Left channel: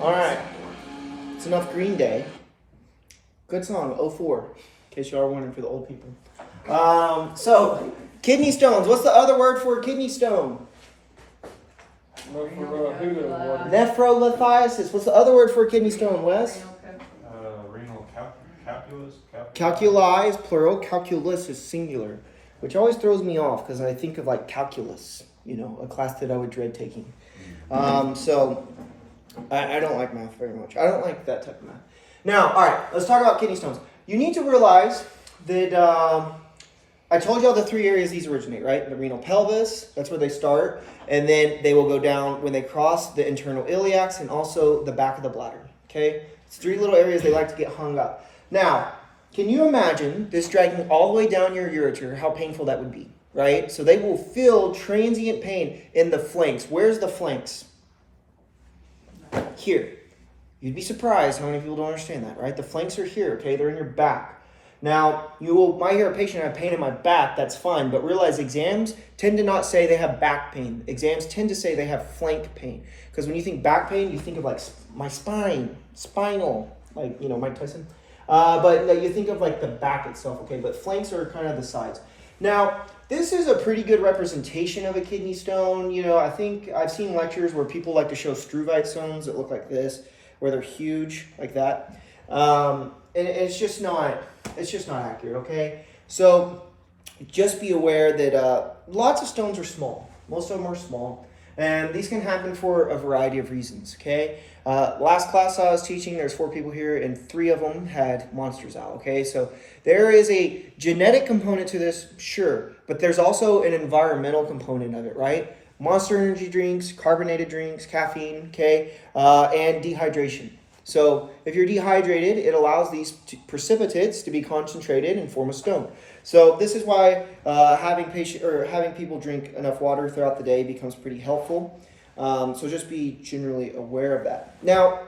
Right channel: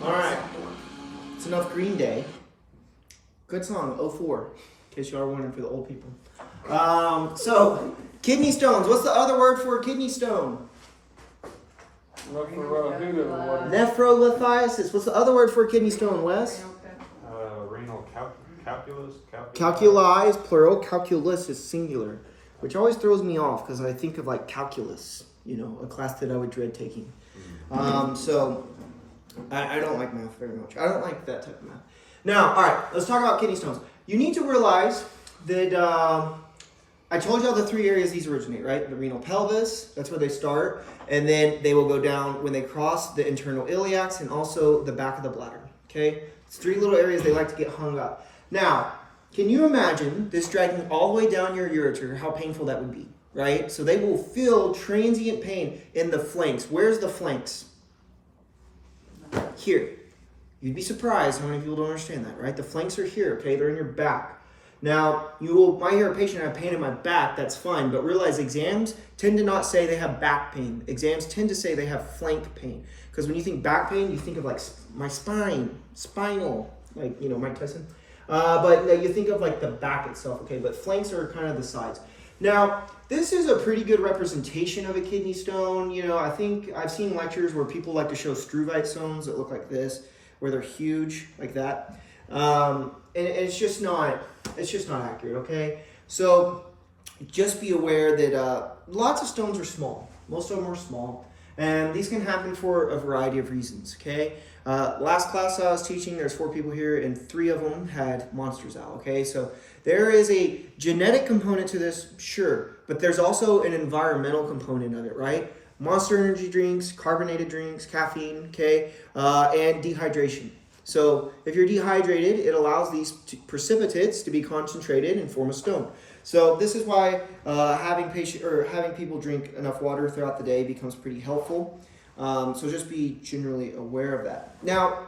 All right. It's enough Green Day. Good song, 04, in case you are wondering for the old people. So, kidney stones. What's the other word for a kidney stone? Nephrolithiasis. What's the other word for a kidney stone, Wes? Renal calculus. Calculi is plural. Calculus is singular, which always throws me off because I think of like calculus, you know, a class that I would dread taking. So I don't like math very much. I don't like that type of math. Now, all right, let's talk about kidney stones. You need to realize that I told you all the three areas these originate, right? The renal pelvis, that's where they start. And then they will go down when they cross the internal iliacs and also the back of the bladder, okay? It's three little areas they like to get hung up. Now, can you imagine this dragging all the way down your ureter, how painful that would be, right? So they will feel transient pain in the flanks. Where's the flanks? Here. You'd be surprised how many people don't understand that, right? The flanks are here, okay? They're in your back. Now, might hear a patient have pain in my back, that's fine, but realize exams tend to not say they have back pain. Exams tend to say they have flank pain. Because when you think back pain, you think of like my spine, spinal, like, you know, Mike Tyson. But you think of like the back itself, okay? But flanks are kind of the sides. Now, this is a pretty good representation of a kidney stone. You know, I think I've seen lectures where people like to show struvite stones that look like this, where they're huge, like that. And it's just not accurate, okay? So just be aware that lots of stones are small. Most of them are small. And these can happen for a variety of reasons, okay? Last class I was teaching, there's 4 people here, and 3 of them had monsters out, okay? So there is a genetic component to this, sure, but there's also an environmental component of it, right? Monster energy drinks, carbonated drinks, caffeine, okay, and dehydration. So if you're dehydrated, it allows these precipitates to be concentrated and form a stone. So this is why having people drink enough water throughout the day becomes pretty helpful. So just be generally aware of that. Now,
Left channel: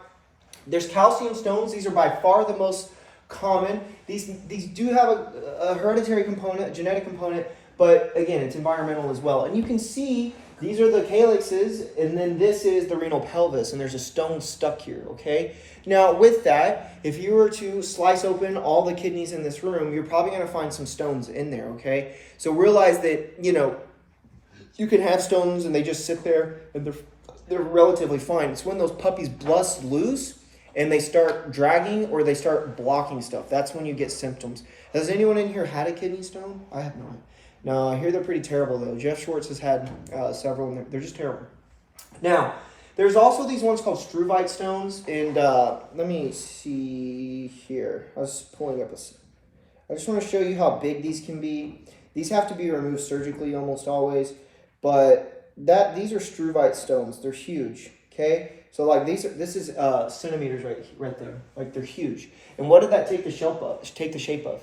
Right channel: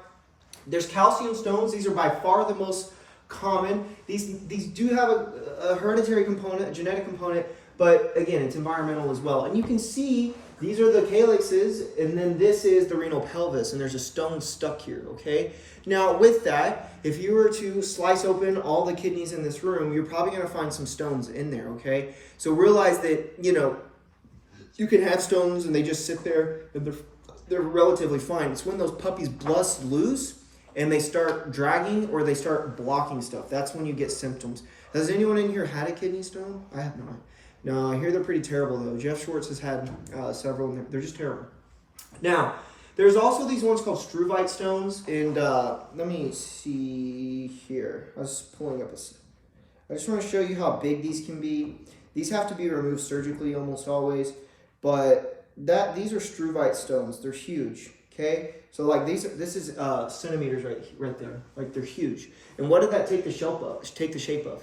there's calcium stones. These are by far the most common. These do have a hereditary component, a genetic component, but again, it's environmental as well. And you can see these are the calyxes, and then this is the renal pelvis, and there's a stone stuck here, okay? Now, with that, if you were to slice open all the kidneys in this room, you're probably going to find some stones in there, okay? So realize that, you know, you can have stones and they just sit there and they're relatively fine. It's when those puppies bust loose and they start dragging or they start blocking stuff. That's when you get symptoms. Has anyone in here had a kidney stone? I have not. No, I hear they're pretty terrible, though. Jeff Schwartz has had several, and they're just terrible. Now, there's also these ones called struvite stones, and let me see here. I was pulling up I just want to show you how big these can be. These have to be removed surgically almost always, but these are struvite stones. They're huge, okay? So, like, this is centimeters right there. Like, they're huge. And what did that take the shape of?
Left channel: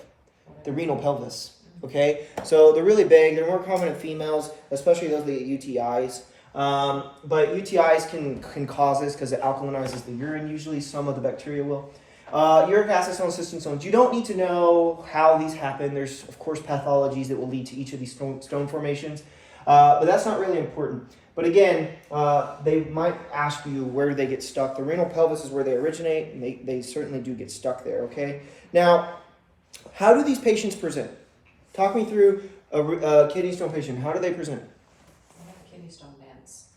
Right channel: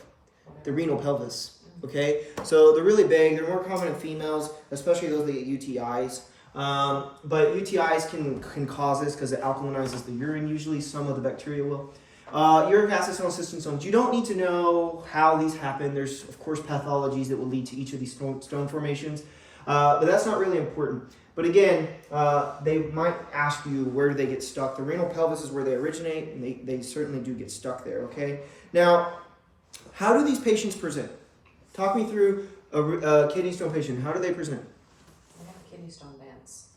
The renal pelvis. Okay, so they're really big. They're more common in females, especially those that get UTIs. But UTIs can cause this because it alkalinizes the urine. Usually, some of the bacteria will. Uric acid stones, cystic stones. You don't need to know how these happen. There's, of course, pathologies that will lead to each of these stone formations. But that's not really important. But again, they might ask you where do they get stuck. The renal pelvis is where they originate, and they certainly do get stuck there, okay? Now, how do these patients present? Talk me through a kidney stone patient. How do they present? Kidney stone bands.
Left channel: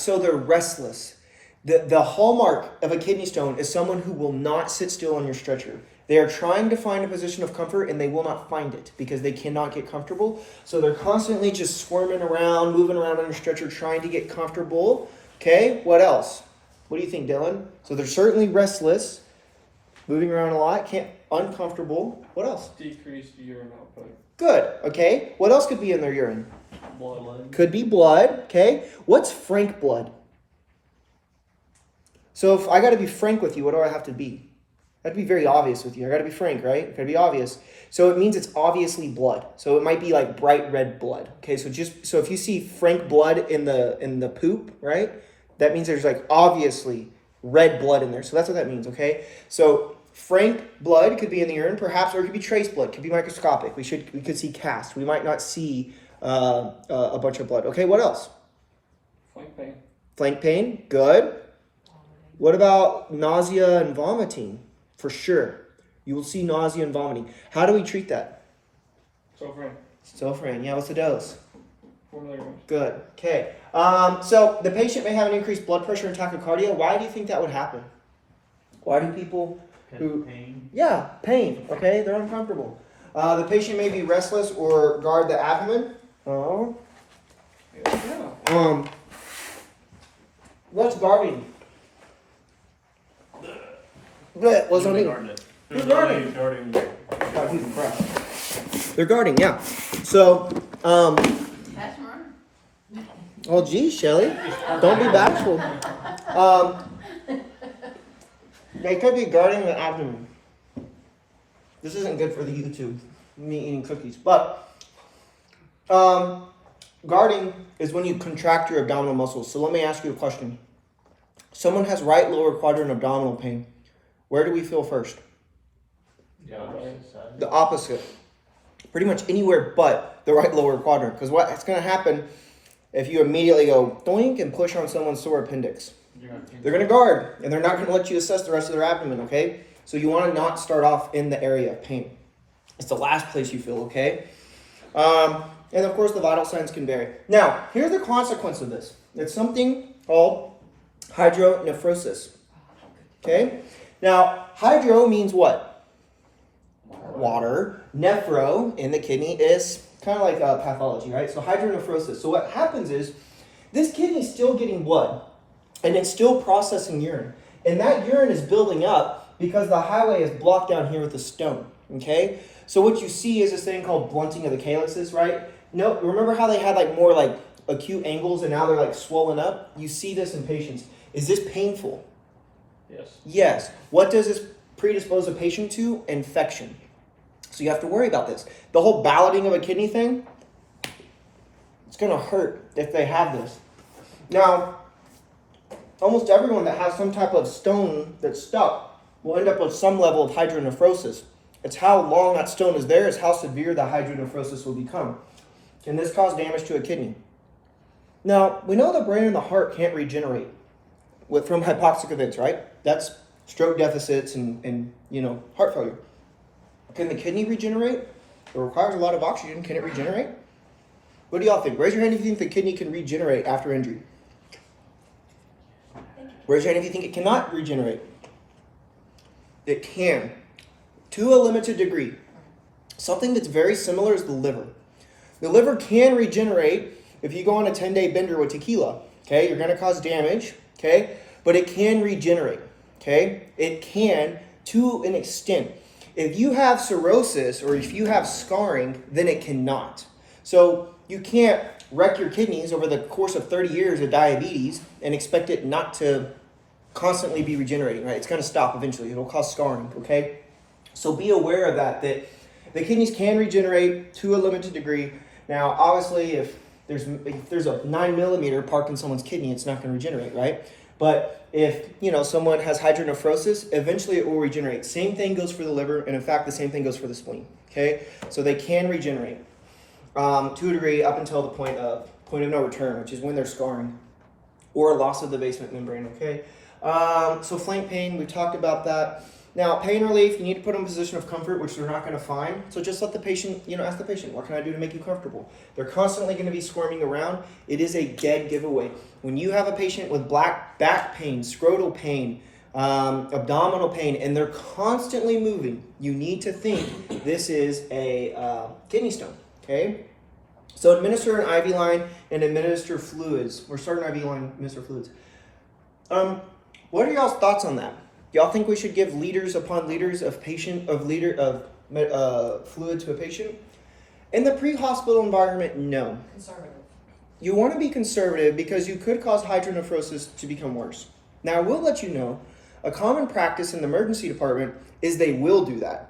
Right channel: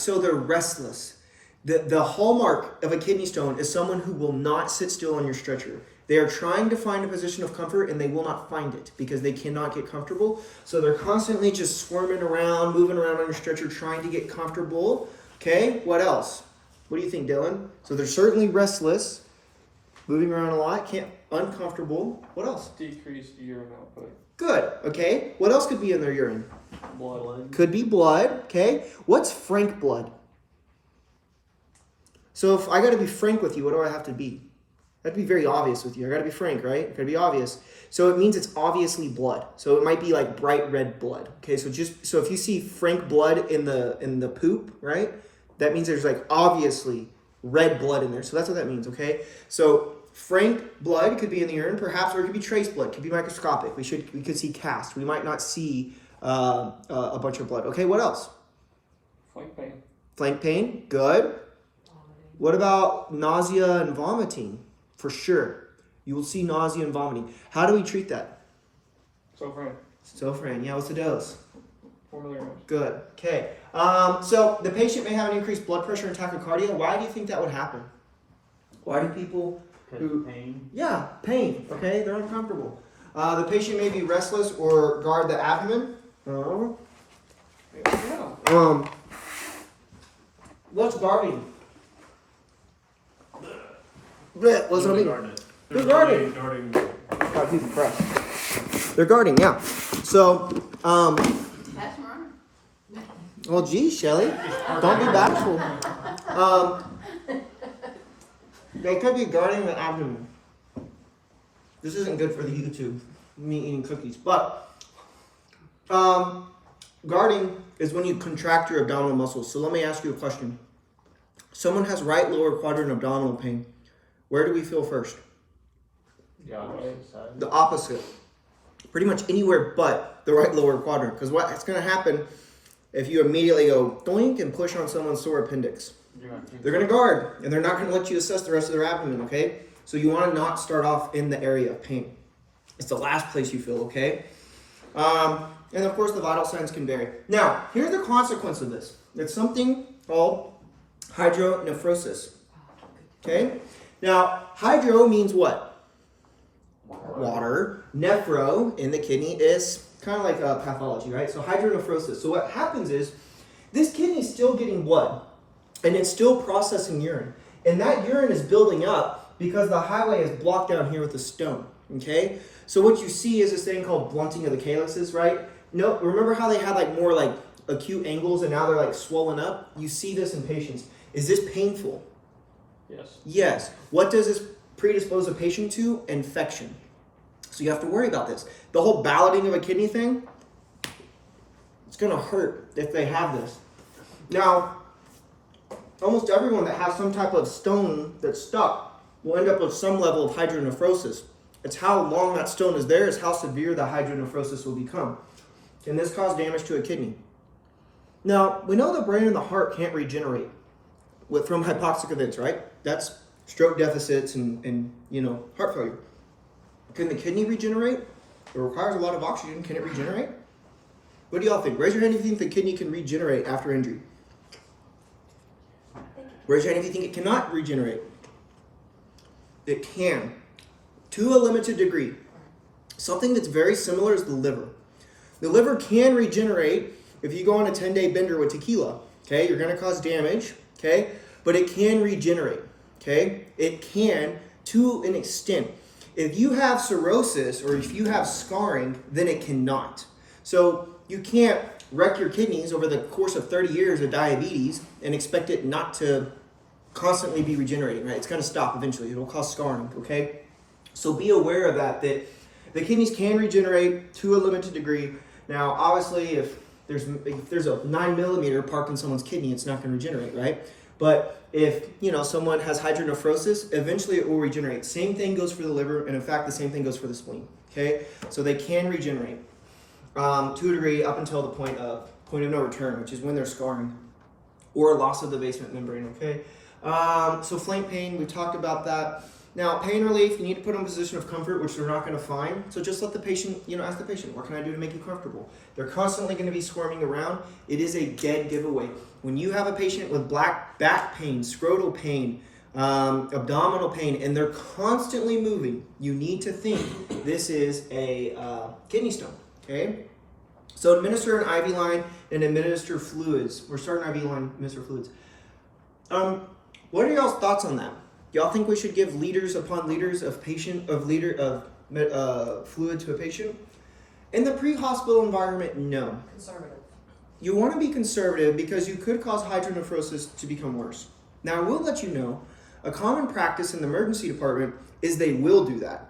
So they're restless. The hallmark of a kidney stone is someone who will not sit still on your stretcher. They are trying to find a position of comfort and they will not find it because they cannot get comfortable. So they're constantly just squirming around, moving around on your stretcher, trying to get comfortable. Okay, what else? What do you think, Dylan? So they're certainly restless, moving around a lot, uncomfortable. What else? Decreased urine output. Good. Okay. What else could be in their urine? Blood. Could be blood. Okay. What's frank blood? So if I got to be frank with you, what do I have to be? I have to be very obvious with you. I got to be frank, right? I got to be obvious. So it means it's obviously blood. So it might be like bright red blood. Okay. So if you see frank blood in the poop, right? That means there's like obviously red blood in there. So that's what that means. Okay. So frank blood could be in the urine, perhaps, or it could be trace blood. It could be microscopic. We could see cast. We might not see a bunch of blood. Okay, what else? Flank pain. Flank pain, good. What about nausea and vomiting? For sure. You will see nausea and vomiting. How do we treat that? Sofran, yeah, what's the dose? 4 milligrams. Good, okay. So the patient may have an increased blood pressure and tachycardia. Why do you think that would happen? Why do people who... Pain. Yeah, pain, okay, they're uncomfortable. The patient may be restless or guard the abdomen. Yeah. What's guarding? Blech, what's that mean? They're guarding. Oh, Jesus Christ. They're guarding, yeah. So, That's mine. well, geez, Shelly, don't be bashful. They could be guarding the abdomen. This isn't good for the YouTube, me eating cookies. But guarding is when you contract your abdominal muscles. So let me ask you a question. Someone has right lower quadrant abdominal pain. Where do we feel first? The opposite. Pretty much anywhere but the right lower quadrant. Because what's going to happen if you immediately go doink and push on someone's sore appendix? They're going to guard, and they're not going to let you assess the rest of their abdomen, okay? So you want to not start off in the area of pain. It's the last place you feel, okay? And of course, the vital signs can vary. Now, here's the consequence of this. It's something called hydronephrosis, okay? Now, hydro means what? Water. Nephro in the kidney is kind of like a pathology, right? So hydronephrosis. So what happens is this kidney is still getting blood, and it's still processing urine. And that urine is building up because the highway is blocked down here with a stone, okay? So what you see is this thing called blunting of the calyxes, right? No, remember how they had like more like acute angles and now they're like swollen up? You see this in patients. Is this painful? Yes. Yes. What does this predispose a patient to? Infection. So you have to worry about this. The whole balloting of a kidney thing, it's going to hurt if they have this. Now, almost everyone that has some type of stone that's stuck will end up with some level of hydronephrosis. It's how long that stone is there is how severe the hydronephrosis will become. Can this cause damage to a kidney? Now, we know the brain and the heart can't regenerate from hypoxic events, right? That's stroke deficits and heart failure. Can the kidney regenerate? It requires a lot of oxygen. Can it regenerate? What do y'all think? Raise your hand if you think the kidney can regenerate after injury. Raise your hand if you think it cannot regenerate. It can, to a limited degree. Something that's very similar is the liver. The liver can regenerate if you go on a 10-day bender with tequila. Okay, you're going to cause damage. Okay, but it can regenerate. Okay, it can to an extent. If you have cirrhosis or if you have scarring, then it cannot. So you can't wreck your kidneys over the course of 30 years of diabetes and expect it not to constantly be regenerating, right? It's going to stop eventually. It'll cause scarring, okay? So be aware of that the kidneys can regenerate to a limited degree. Now, obviously, if there's a 9 millimeter parked in someone's kidney, it's not going to regenerate, right? But if, someone has hydronephrosis, eventually it will regenerate. Same thing goes for the liver, and in fact, the same thing goes for the spleen, okay? So they can regenerate to a degree up until the point of no return, which is when they're scarring or loss of the basement membrane, okay? So flank pain, we talked about that. Now, pain relief, you need to put them in a position of comfort, which they're not going to find. So just let the patient, ask the patient, what can I do to make you comfortable? They're constantly going to be squirming around. It is a dead giveaway. When you have a patient with back pain, scrotal pain, abdominal pain, and they're constantly moving, you need to think this is a kidney stone, okay? So administer an IV line and administer fluids. We're starting IV line, administer fluids. What are y'all's thoughts on that? Y'all think we should give liters upon liters of fluid to a patient? In the pre-hospital environment, no. Conservative. You want to be conservative because you could cause hydronephrosis to become worse. Now, I will let you know, a common practice in the emergency department is they will do that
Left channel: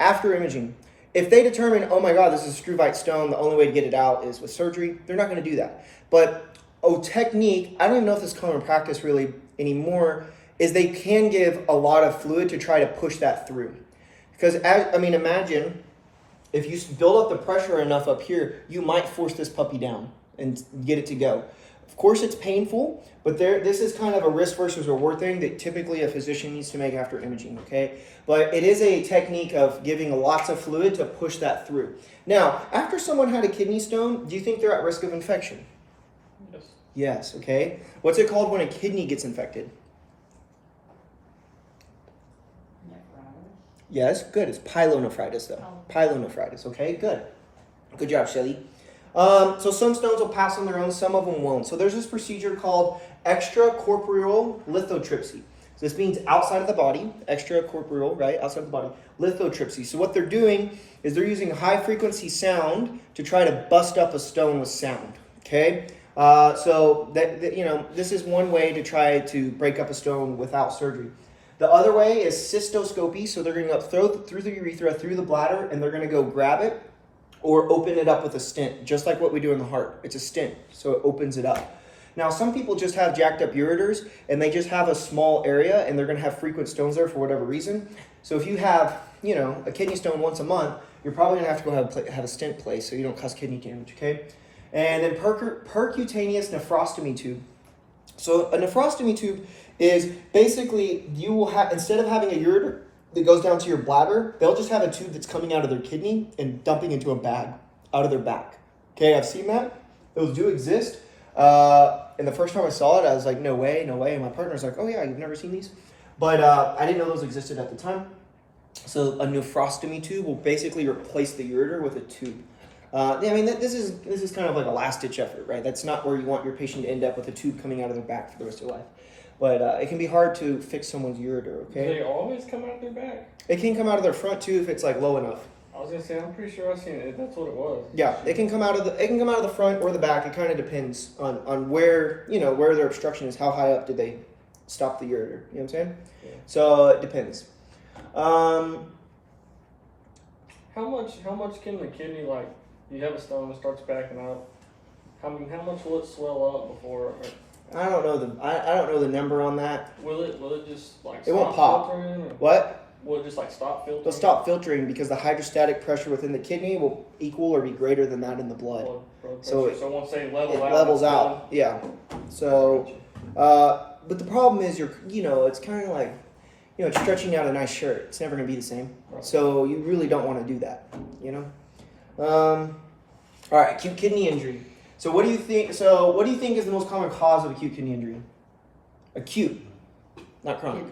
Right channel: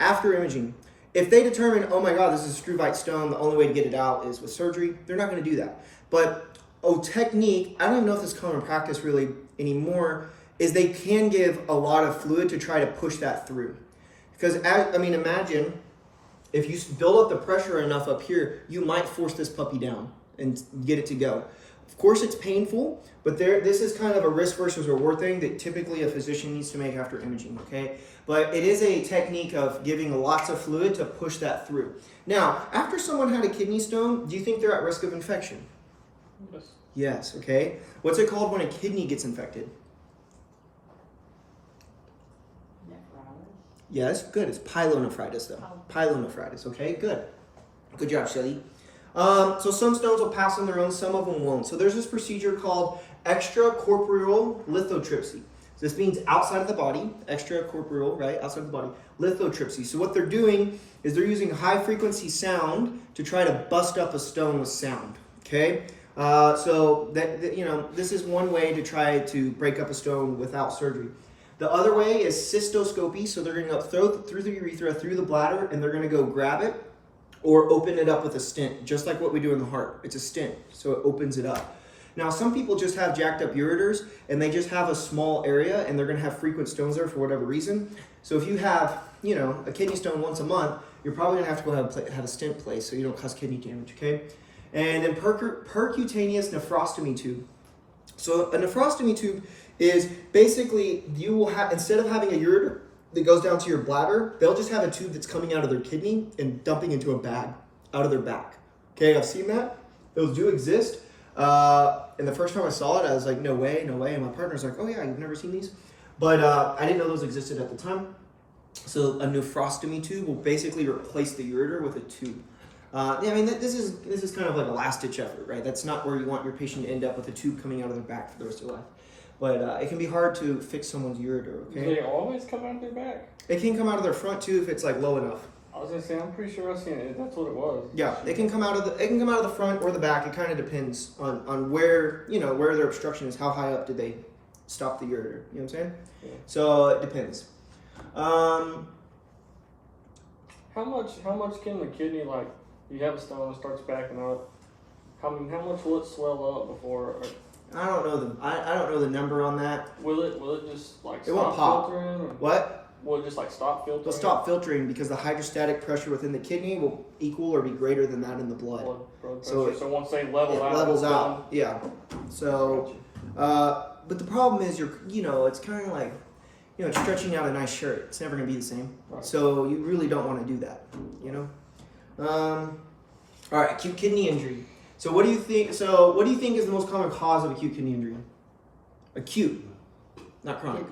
after imaging. If they determine, oh my God, this is a struvite stone, the only way to get it out is with surgery, they're not going to do that. But technique, I don't even know if this is common practice really anymore, is they can give a lot of fluid to try to push that through. Because, imagine if you build up the pressure enough up here, you might force this puppy down and get it to go. Of course, it's painful, but this is kind of a risk versus reward thing that typically a physician needs to make after imaging, okay? But it is a technique of giving lots of fluid to push that through. Now, after someone had a kidney stone, do you think they're at risk of infection? Yes. Yes, okay. What's it called when a kidney gets infected? Yes, good. It's pyelonephritis, though. Pyelonephritis, okay? Good. Good job, Shelly. So some stones will pass on their own, some of them won't. So there's this procedure called extracorporeal lithotripsy. So this means outside of the body, extracorporeal, right? Outside of the body, lithotripsy. So what they're doing is they're using high frequency sound to try to bust up a stone with sound, okay? So this is one way to try to break up a stone without surgery. The other way is cystoscopy. So they're going to go through the urethra, through the bladder, and they're going to go grab it or open it up with a stent, just like what we do in the heart. It's a stent, so it opens it up. Now, some people just have jacked up ureters, and they just have a small area, and they're going to have frequent stones there for whatever reason. So if you have, a kidney stone once a month, you're probably going to have to go have a stent placed so you don't cause kidney damage, okay? And then percutaneous nephrostomy tube. So a nephrostomy tube is basically you will have, instead of having a ureter that goes down to your bladder, they'll just have a tube that's coming out of their kidney and dumping into a bag out of their back. Okay, I've seen that. Those do exist. And the first time I saw it, I was like, no way, no way. And my partner's like, oh yeah, you've never seen these? But I didn't know those existed at the time. So a nephrostomy tube will basically replace the ureter with a tube. This is kind of like a last-ditch effort, right? That's not where you want your patient to end up with a tube coming out of their back for the rest of their life. But it can be hard to fix someone's ureter, okay? Do they always come out of their back? It can come out of their front too if it's like low enough. I was gonna say, I'm pretty sure I've seen it. That's what it was. Yeah, it can come out of the front or the back. It kind of depends on where where their obstruction is. How high up did they stop the ureter? You know what I'm saying? Yeah. So it depends. How much can the kidney, like, you have a stone that starts backing up? How much will it swell up before? I don't know the number on that. Will it just like It won't stop pop. filtering? Or What? will it just like stop filtering? They'll stop filtering because the hydrostatic pressure within the kidney will equal or be greater than that in the blood. Blood So pressure. So once they level It out, levels it's out. Yeah. So, but the problem is it's kind of like, stretching out a nice shirt. It's never going to be the same. Right. So you really don't want to do that, All right, acute kidney injury. So what do you think is the most common cause of acute kidney injury? Acute, not chronic.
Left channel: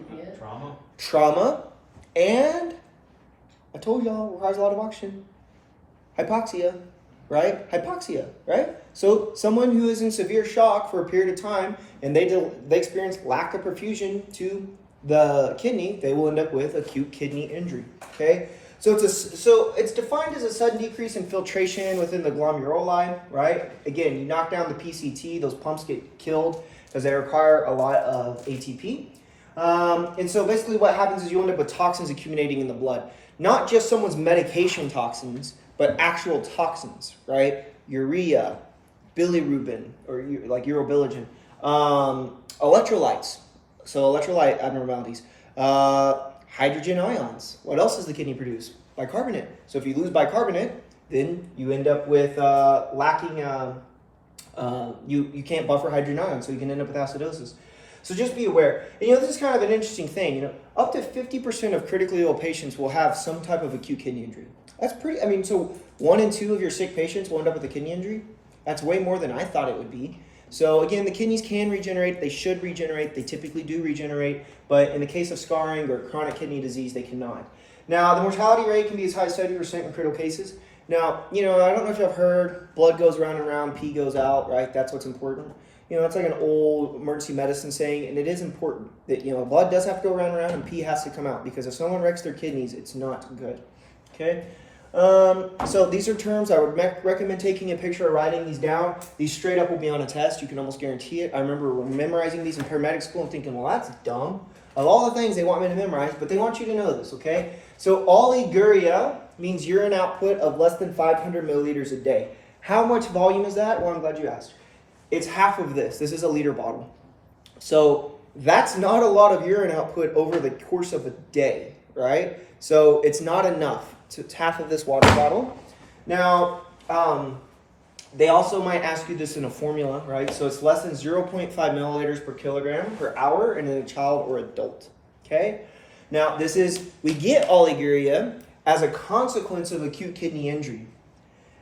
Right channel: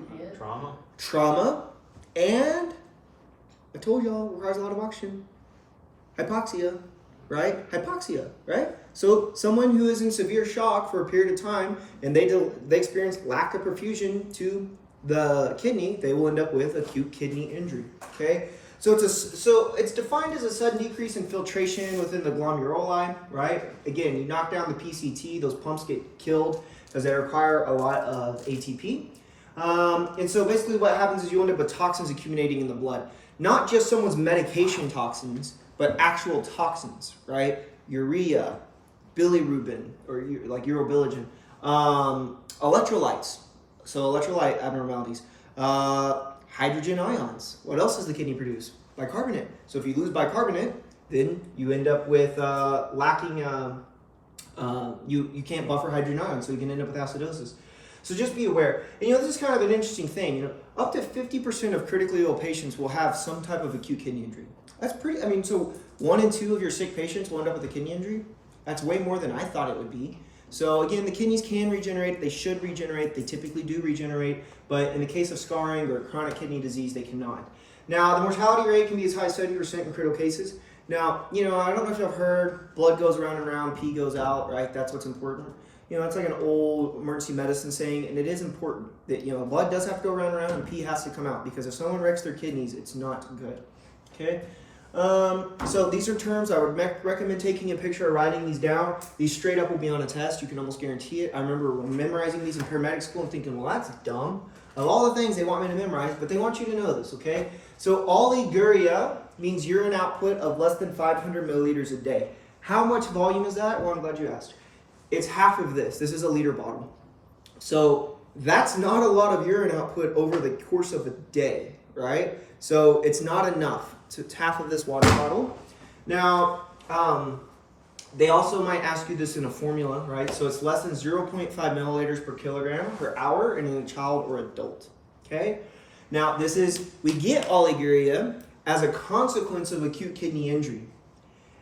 Trauma, and I told y'all, requires a lot of oxygen. Hypoxia, right? Hypoxia, right? So someone who is in severe shock for a period of time and they experience lack of perfusion to the kidney, they will end up with acute kidney injury, okay? So it's defined as a sudden decrease in filtration within the glomeruli, right? Again, you knock down the PCT, those pumps get killed because they require a lot of ATP. And so basically what happens is you end up with toxins accumulating in the blood. Not just someone's medication toxins, but actual toxins, right? Urea, bilirubin, or like urobilinogen, electrolytes, so electrolyte abnormalities, hydrogen ions. What else does the kidney produce? Bicarbonate. So if you lose bicarbonate, then you end up with lacking, you can't buffer hydrogen ions, so you can end up with acidosis. So just be aware. And this is kind of an interesting thing. Up to 50% of critically ill patients will have some type of acute kidney injury. That's pretty, so 1 in 2 of your sick patients will end up with a kidney injury. That's way more than I thought it would be. So again, the kidneys can regenerate, they should regenerate, they typically do regenerate, but in the case of scarring or chronic kidney disease, they cannot. Now, the mortality rate can be as high as 70% in critical cases. Now, I don't know if you've heard, blood goes round and round, pee goes out, right? That's what's important. That's like an old emergency medicine saying, and it is important that, blood does have to go round and round and pee has to come out, because if someone wrecks their kidneys, it's not good, okay? So these are terms I would recommend taking a picture or writing these down. These straight up will be on a test. You can almost guarantee it. I remember when memorizing these in paramedic school and thinking, well, that's dumb. Of all the things they want me to memorize, but they want you to know this, okay? So oliguria means urine output of less than 500 milliliters a day. How much volume is that? Well, I'm glad you asked. It's half of this. This is a liter bottle. So that's not a lot of urine output over the course of a day, right? So it's not enough. So it's half of this water bottle. Now, They also might ask you this in a formula, right? So it's less than 0.5 milliliters per kilogram per hour in a child or adult, okay? Now, we get oliguria as a consequence of acute kidney injury.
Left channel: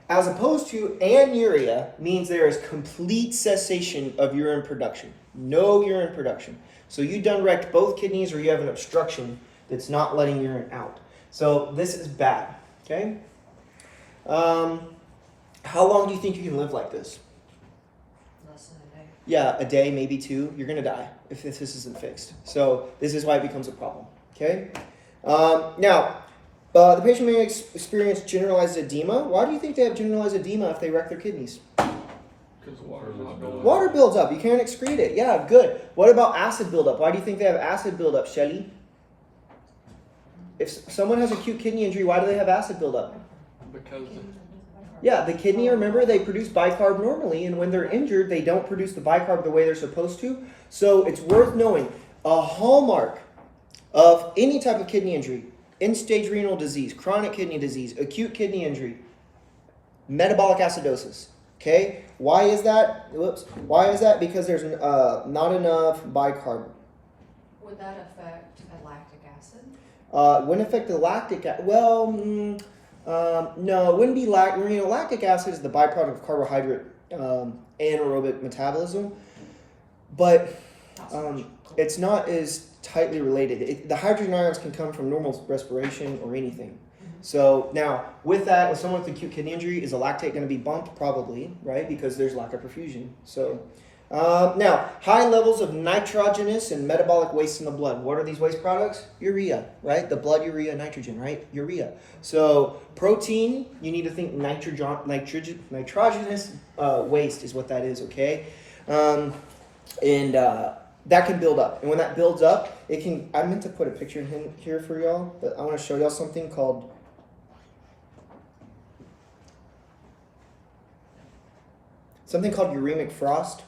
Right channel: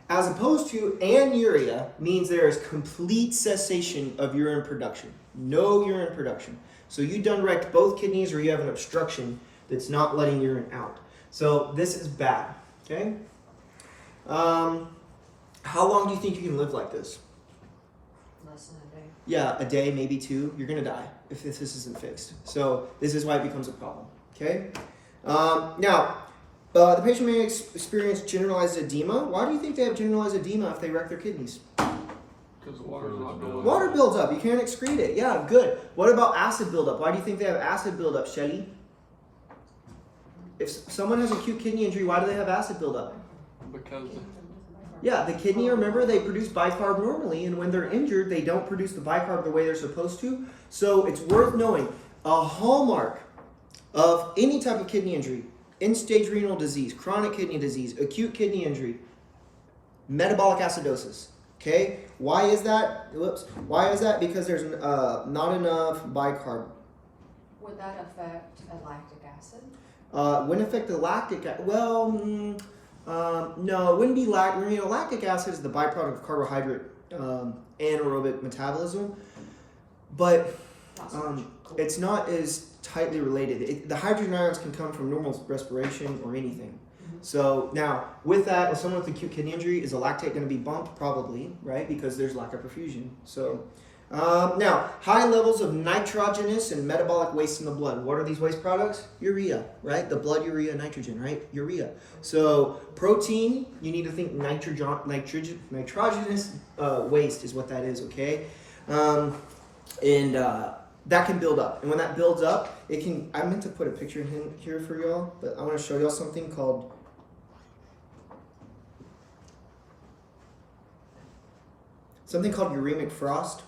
As opposed to anuria means there is complete cessation of urine production. No urine production. So you done wrecked both kidneys or you have an obstruction that's not letting urine out. So this is bad, okay? How long do you think you can live like this? Less than a day. Yeah, a day, maybe two. You're going to die if this isn't fixed. So this is why it becomes a problem, okay? Now, the patient may experience generalized edema. Why do you think they have generalized edema if they wreck their kidneys? Because water's not building. Water builds up. You can't excrete it. Yeah, good. What about acid buildup? Why do you think they have acid buildup, Shelly? If someone has acute kidney injury, why do they have acid buildup? Because Yeah, the kidney, remember, they produce bicarb normally, and when they're injured, they don't produce the bicarb the way they're supposed to. So it's worth knowing a hallmark of any type of kidney injury, end-stage renal disease, chronic kidney disease, acute kidney injury, metabolic acidosis. Okay, why is that? Whoops. Why is that? Because there's not enough bicarb. Would that affect a lactic acid? Wouldn't affect the lactic acid. Well, no, it wouldn't be lactic acid is the byproduct of carbohydrate anaerobic metabolism, but it's not as tightly related. The hydrogen ions can come from normal respiration or anything. So now, with that, with someone with acute kidney injury, is the lactate going to be bumped? Probably, right? Because there's lack of perfusion. So now, high levels of nitrogenous and metabolic waste in the blood. What are these waste products? Urea, right? The blood urea, nitrogen, right? Urea. So protein, you need to think nitrogenous waste is what that is, okay? That can build up. And when that builds up, it can, I meant to put a picture in here for y'all, but I want to show y'all something called uremic frost.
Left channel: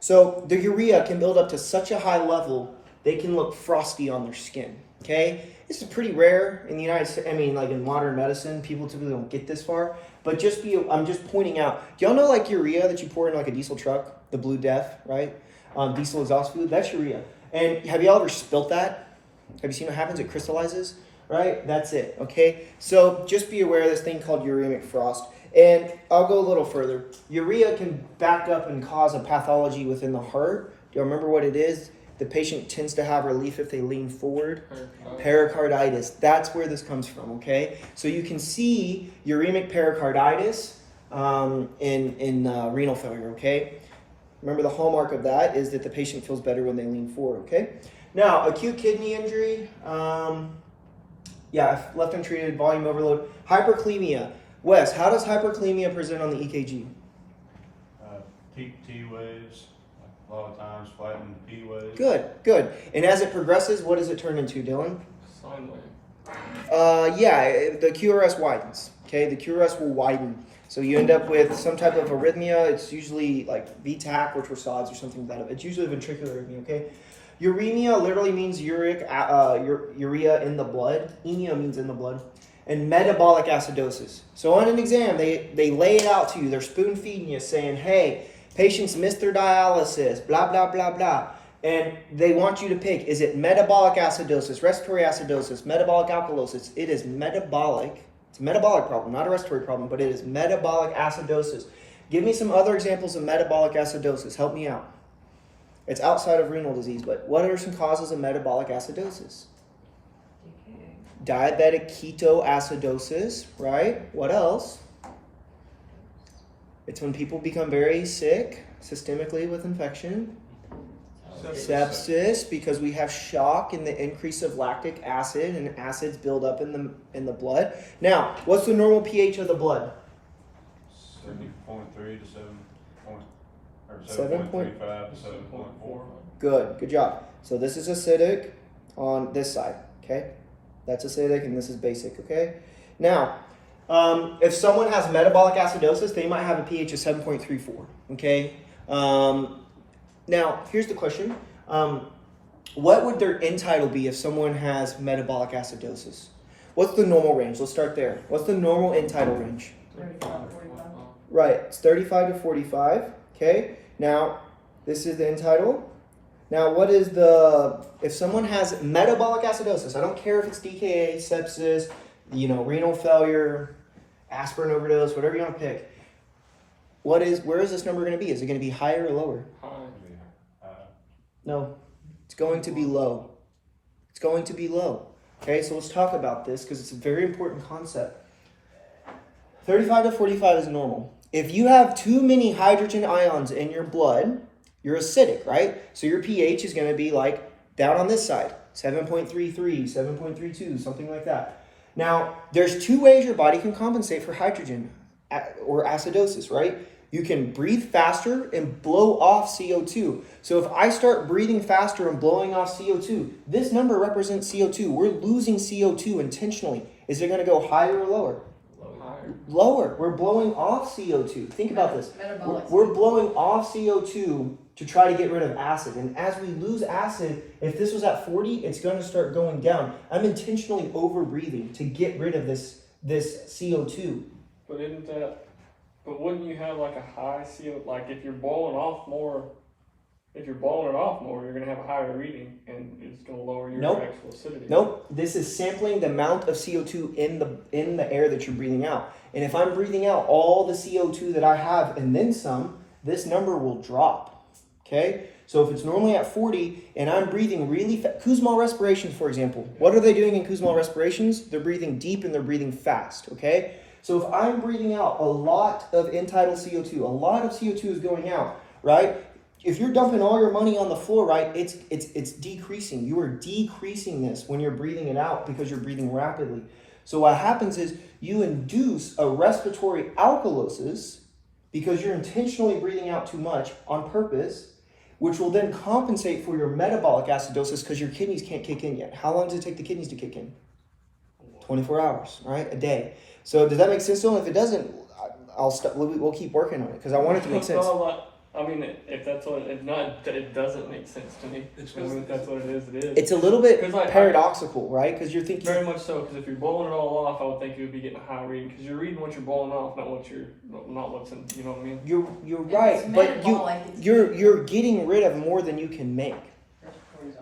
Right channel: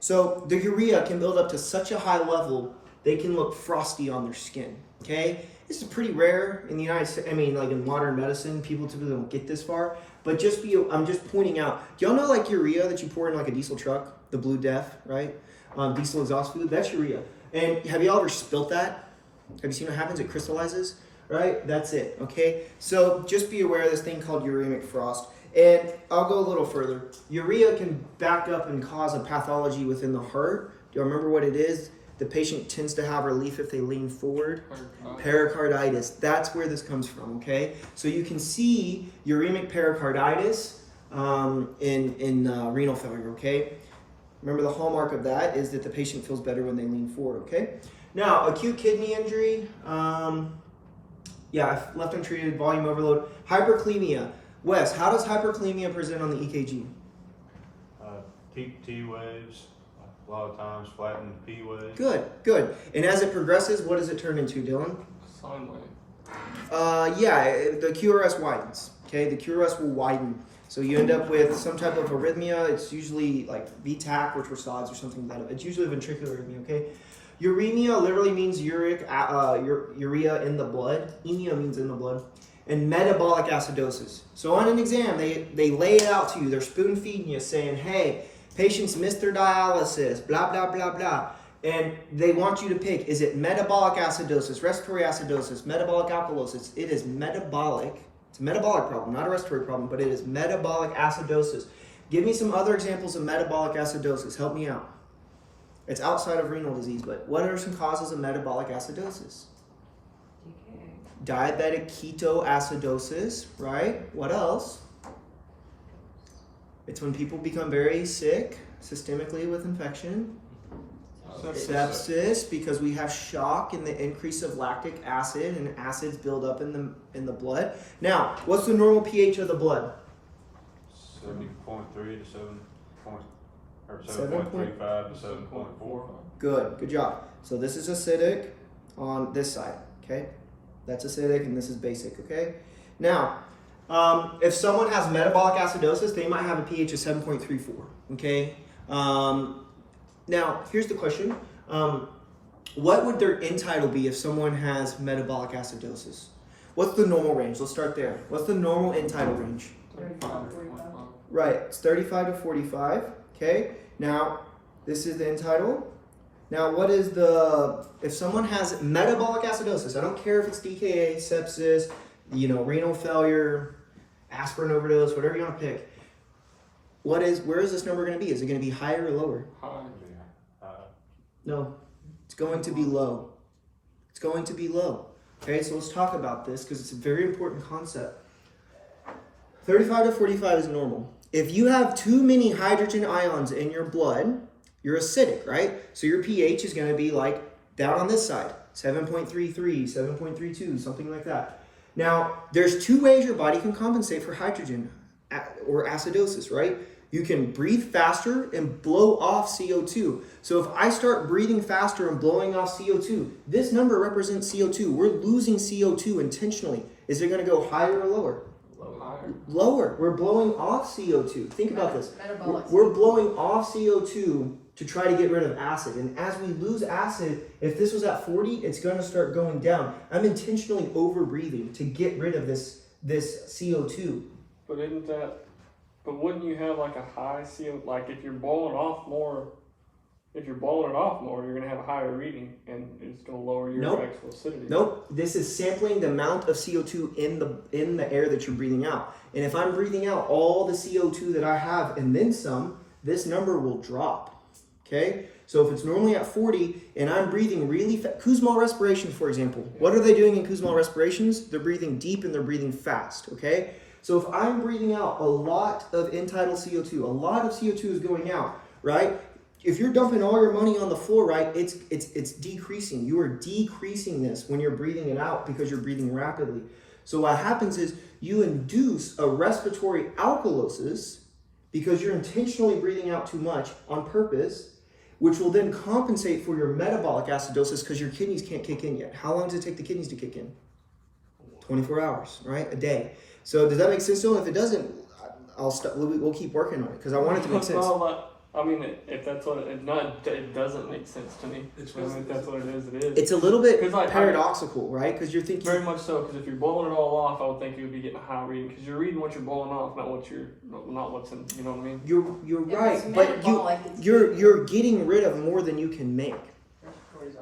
So the urea can build up to such a high level, they can look frosty on their skin, okay? This is pretty rare in the United States. I mean, like in modern medicine, people typically don't get this far. But I'm just pointing out, do y'all know like urea that you pour in like a diesel truck, the Blue Death, right? Diesel exhaust fluid, that's urea. And have y'all ever spilt that? Have you seen what happens? It crystallizes, right? That's it, okay? So just be aware of this thing called uremic frost. And I'll go a little further. Urea can back up and cause a pathology within the heart. Do you remember what it is? The patient tends to have relief if they lean forward. Pericarditis. That's where this comes from, okay? So you can see uremic pericarditis in renal failure, okay? Remember the hallmark of that is that the patient feels better when they lean forward, okay? Now, acute kidney injury, left untreated, volume overload, hyperkalemia. Wes, how does hyperkalemia present on the EKG? T waves, a lot of times flattened P waves. Good. And as it progresses, what does it turn into, Dylan? sine wave. The QRS widens, okay? The QRS will widen. So you end up with some type of arrhythmia. It's usually like VTAC or torsades or something like that. It's usually ventricular arrhythmia, okay? Uremia literally means urea in the blood. Emia means in the blood. And metabolic acidosis. So on an exam, they lay it out to you. They're spoon feeding you saying, hey, patients missed their dialysis, blah, blah, blah, blah. And they want you to pick, is it metabolic acidosis, respiratory acidosis, metabolic alkalosis? It is metabolic. It's a metabolic problem, not a respiratory problem, but it is metabolic acidosis. Give me some other examples of metabolic acidosis. Help me out. It's outside of renal disease, but what are some causes of metabolic acidosis? Diabetic ketoacidosis, right? What else? It's when people become very sick systemically with infection. Sepsis, because we have shock and the increase of lactic acid, and acids build up in the blood. Now, what's the normal pH of the blood? 7.3 to 7.35 to 7.4. Good job. So this is acidic on this side, okay? That's acidic and this is basic, okay? Now, if someone has metabolic acidosis, they might have a pH of 7.34, okay? Now, here's the question. What would their end tidal be if someone has metabolic acidosis? What's the normal range? Let's start there. What's the normal end tidal range? 35, 45. Right, it's 35 to 45. Okay, now this is the end tidal. Now, what is if someone has metabolic acidosis, I don't care if it's DKA, sepsis, renal failure, aspirin overdose, whatever you want to pick. Where is this number going to be? Is it going to be higher or lower? High. No, it's going to be low. It's going to be low. Okay, so let's talk about this because it's a very important concept. 35 to 45 is normal. If you have too many hydrogen ions in your blood, you're acidic, right? So your pH is going to be like down on this side, 7.33, 7.32, something like that. Now, there's two ways your body can compensate for hydrogen or acidosis, right? You can breathe faster and blow off CO2. So if I start breathing faster and blowing off CO2, this number represents CO2. We're losing CO2 intentionally. Is it going to go higher or lower? Lower. We're blowing off CO2. Think about this. We're blowing off CO2 to try to get rid of acid. And as we lose acid, if this was at 40, it's going to start going down. I'm intentionally over breathing to get rid of this CO2. But wouldn't you have like a high CO, like if you're blowing it off more, you're going to have a higher reading and it's going to lower your actual acidity. Nope. This is sampling the amount of CO2 in the air that you're breathing out. And if I'm breathing out all the CO2 that I have and then some, this number will drop. Okay? So if it's normally at 40 and I'm breathing really fast, Kussmaul respiration, for example. What are they doing in Kussmaul respirations? They're breathing deep and they're breathing fast. Okay? So if I'm breathing out a lot of end-tidal CO2, a lot of CO2 is going out, right? If you're dumping all your money on the floor, right, it's decreasing. You are decreasing this when you're breathing it out because you're breathing rapidly. So what happens is you induce a respiratory alkalosis because you're intentionally breathing out too much on purpose, which will then compensate for your metabolic acidosis because your kidneys can't kick in yet. How long does it take the kidneys to kick in? 24 hours, right? A day. So does that make sense to them? If it doesn't, we'll keep working on it because I want it to make sense. Well, I mean, if that's what it doesn't make sense to me. If that's what it is, it is. It's a little bit paradoxical, right? Because you're thinking very much so. Because if you're blowing it all off, I would think you would be getting a high reading. Because you're reading what you're blowing off, not what's in. You know what I mean? You're right, but you're getting rid of more than you can make.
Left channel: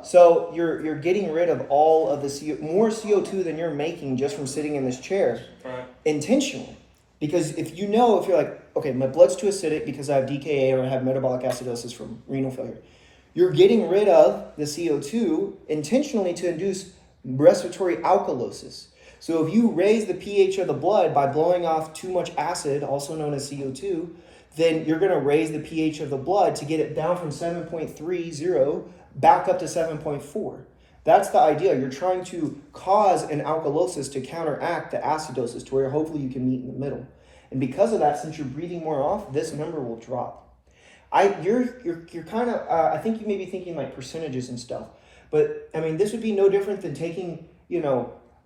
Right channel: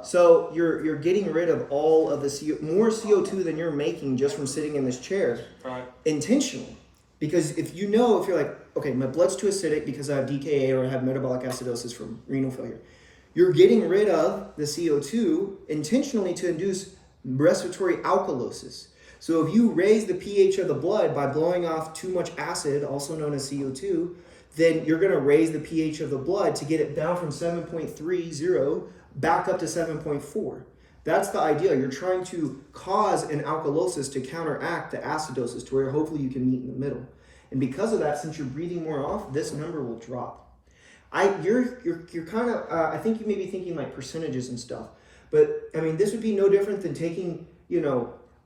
So you're getting rid of all of the more CO2 than you're making just from sitting in this chair, right? Intentionally. Because if you're like, okay, my blood's too acidic because I have DKA or I have metabolic acidosis from renal failure, you're getting rid of the CO2 intentionally to induce respiratory alkalosis. So if you raise the pH of the blood by blowing off too much acid, also known as CO2, then you're going to raise the pH of the blood to get it down from 7.30 back up to 7.4. That's the idea. You're trying to cause an alkalosis to counteract the acidosis to where hopefully you can meet in the middle. And because of that, since you're breathing more off, this number will drop. You're kind of, I think you may be thinking like percentages and stuff. But I mean, this would be no different than taking,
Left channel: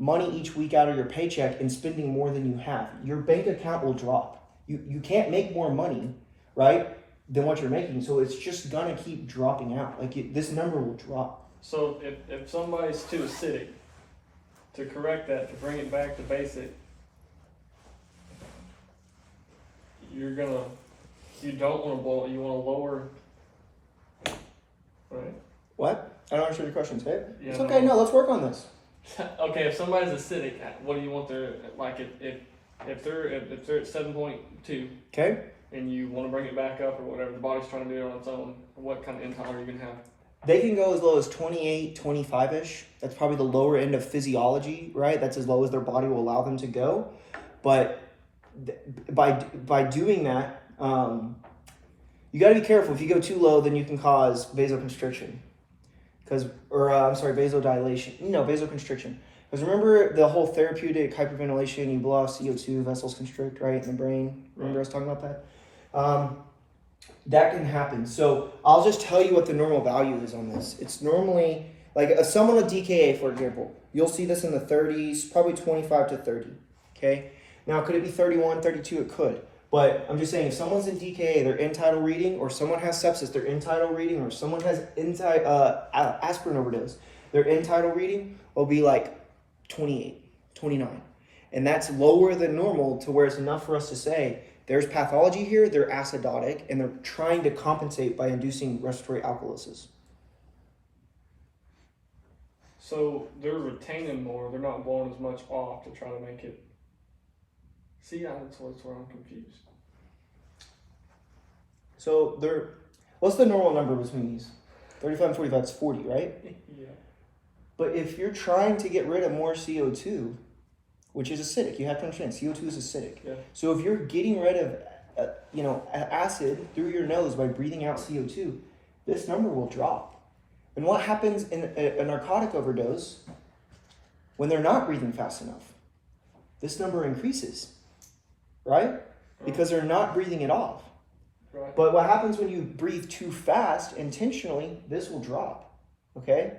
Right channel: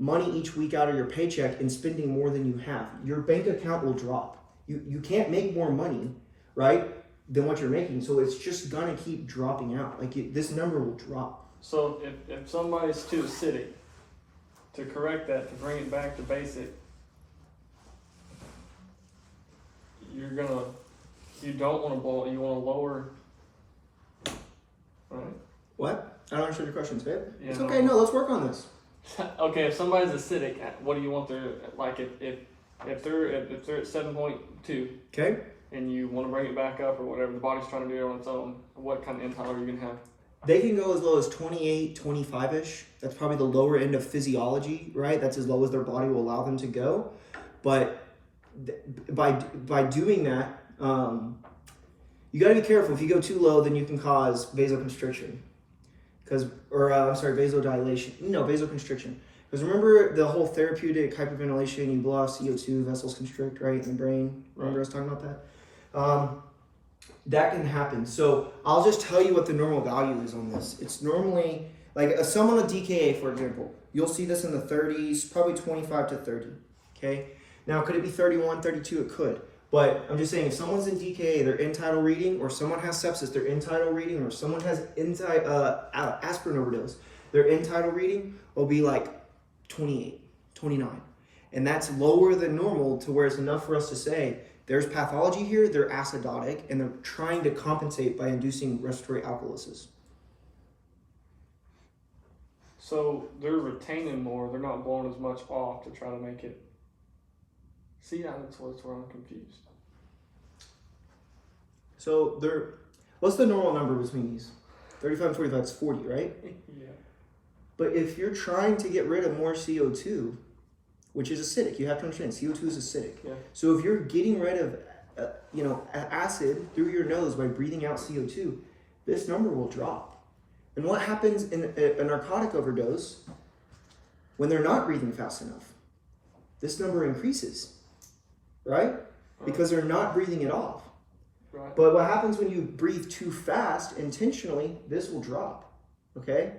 money each week out of your paycheck and spending more than you have. Your bank account will drop. You can't make more money, right, than what you're making. So it's just going to keep dropping out. This number will drop. So if somebody's too acidic, to correct that, to bring it back to basic, you don't want to blow, you want to lower, right? What? I don't understand your question, babe. It's know, okay, no, let's work on this. Okay, if somebody's acidic, what do you want their, like if they're at 7.2, okay, and you want to bring it back up or whatever, the body's trying to do it on its own, what kind of end-tidal are you going to have? They can go as low as 28, 25-ish. That's probably the lower end of physiology, right? That's as low as their body will allow them to go. But by doing that, you got to be careful. If you go too low, then you can cause vasoconstriction. Vasodilation. No, vasoconstriction. Because remember the whole therapeutic hyperventilation, you blow off CO2, vessels constrict, right, in the brain. Remember I was talking about that? That can happen. So I'll just tell you what the normal value is on this. It's normally, like someone with DKA, for example, you'll see this in the 30s, probably 25 to 30, okay? Now, could it be 31, 32? It could. But I'm just saying, if someone's in DKA, their end-tidal reading, or someone has sepsis, their end-tidal reading, or someone has aspirin overdose, their end-tidal reading will be like 28, 29. And that's lower than normal to where it's enough for us to say, There's pathology here, they're acidotic, and they're trying to compensate by inducing respiratory alkalosis. So they're retaining more, they're not blowing as much off to try to make it. See, that's where I'm confused. So what's the normal number between these? 35 and 45 is 40, right? Yeah. But if you're trying to get rid of more CO2, which is acidic, you have to understand CO2 is acidic. Yeah. So if you're getting rid of acid through your nose by breathing out CO2, this number will drop. And what happens in a narcotic overdose when they're not breathing fast enough? This number increases, right? Because they're not breathing it off. Right. But what happens when you breathe too fast intentionally, this will drop, okay?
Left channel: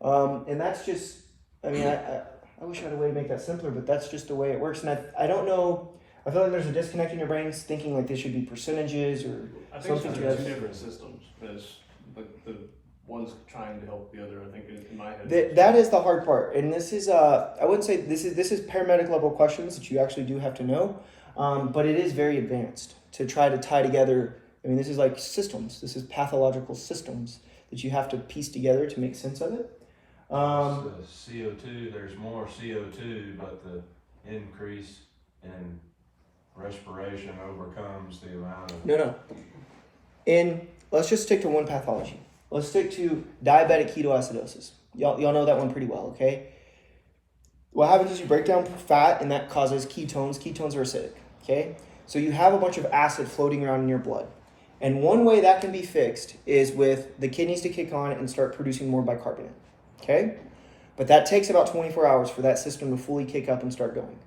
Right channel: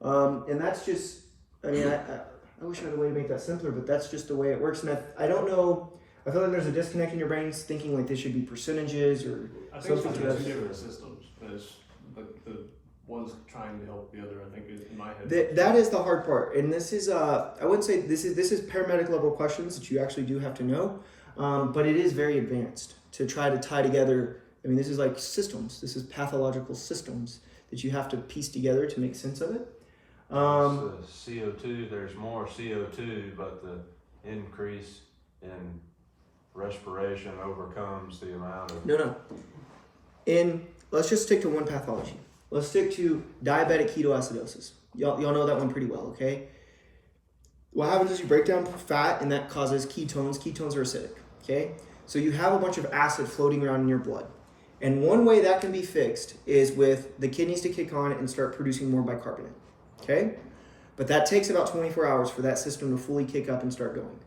And that's just, I mean, I wish I had a way to make that simpler, but that's just the way it works. And I don't know, I feel like there's a disconnect in your brains thinking like this should be percentages or I think something. it's two different systems. There's the one's trying to help the other. I think in my head. That is the hard part. And this is, I wouldn't say this is paramedic level questions that you actually do have to know, but it is very advanced to try to tie together. I mean, this is like systems. This is pathological systems that you have to piece together to make sense of it. The CO2, there's more CO2, but the increase in respiration overcomes the amount of... No. Let's just stick to one pathology. Let's stick to diabetic ketoacidosis. Y'all know that one pretty well, okay? What happens is you break down fat, and that causes ketones. Ketones are acidic, okay? So you have a bunch of acid floating around in your blood. And one way that can be fixed is with the kidneys to kick on and start producing more bicarbonate, okay? But that takes about 24 hours for that system to fully kick up and start going.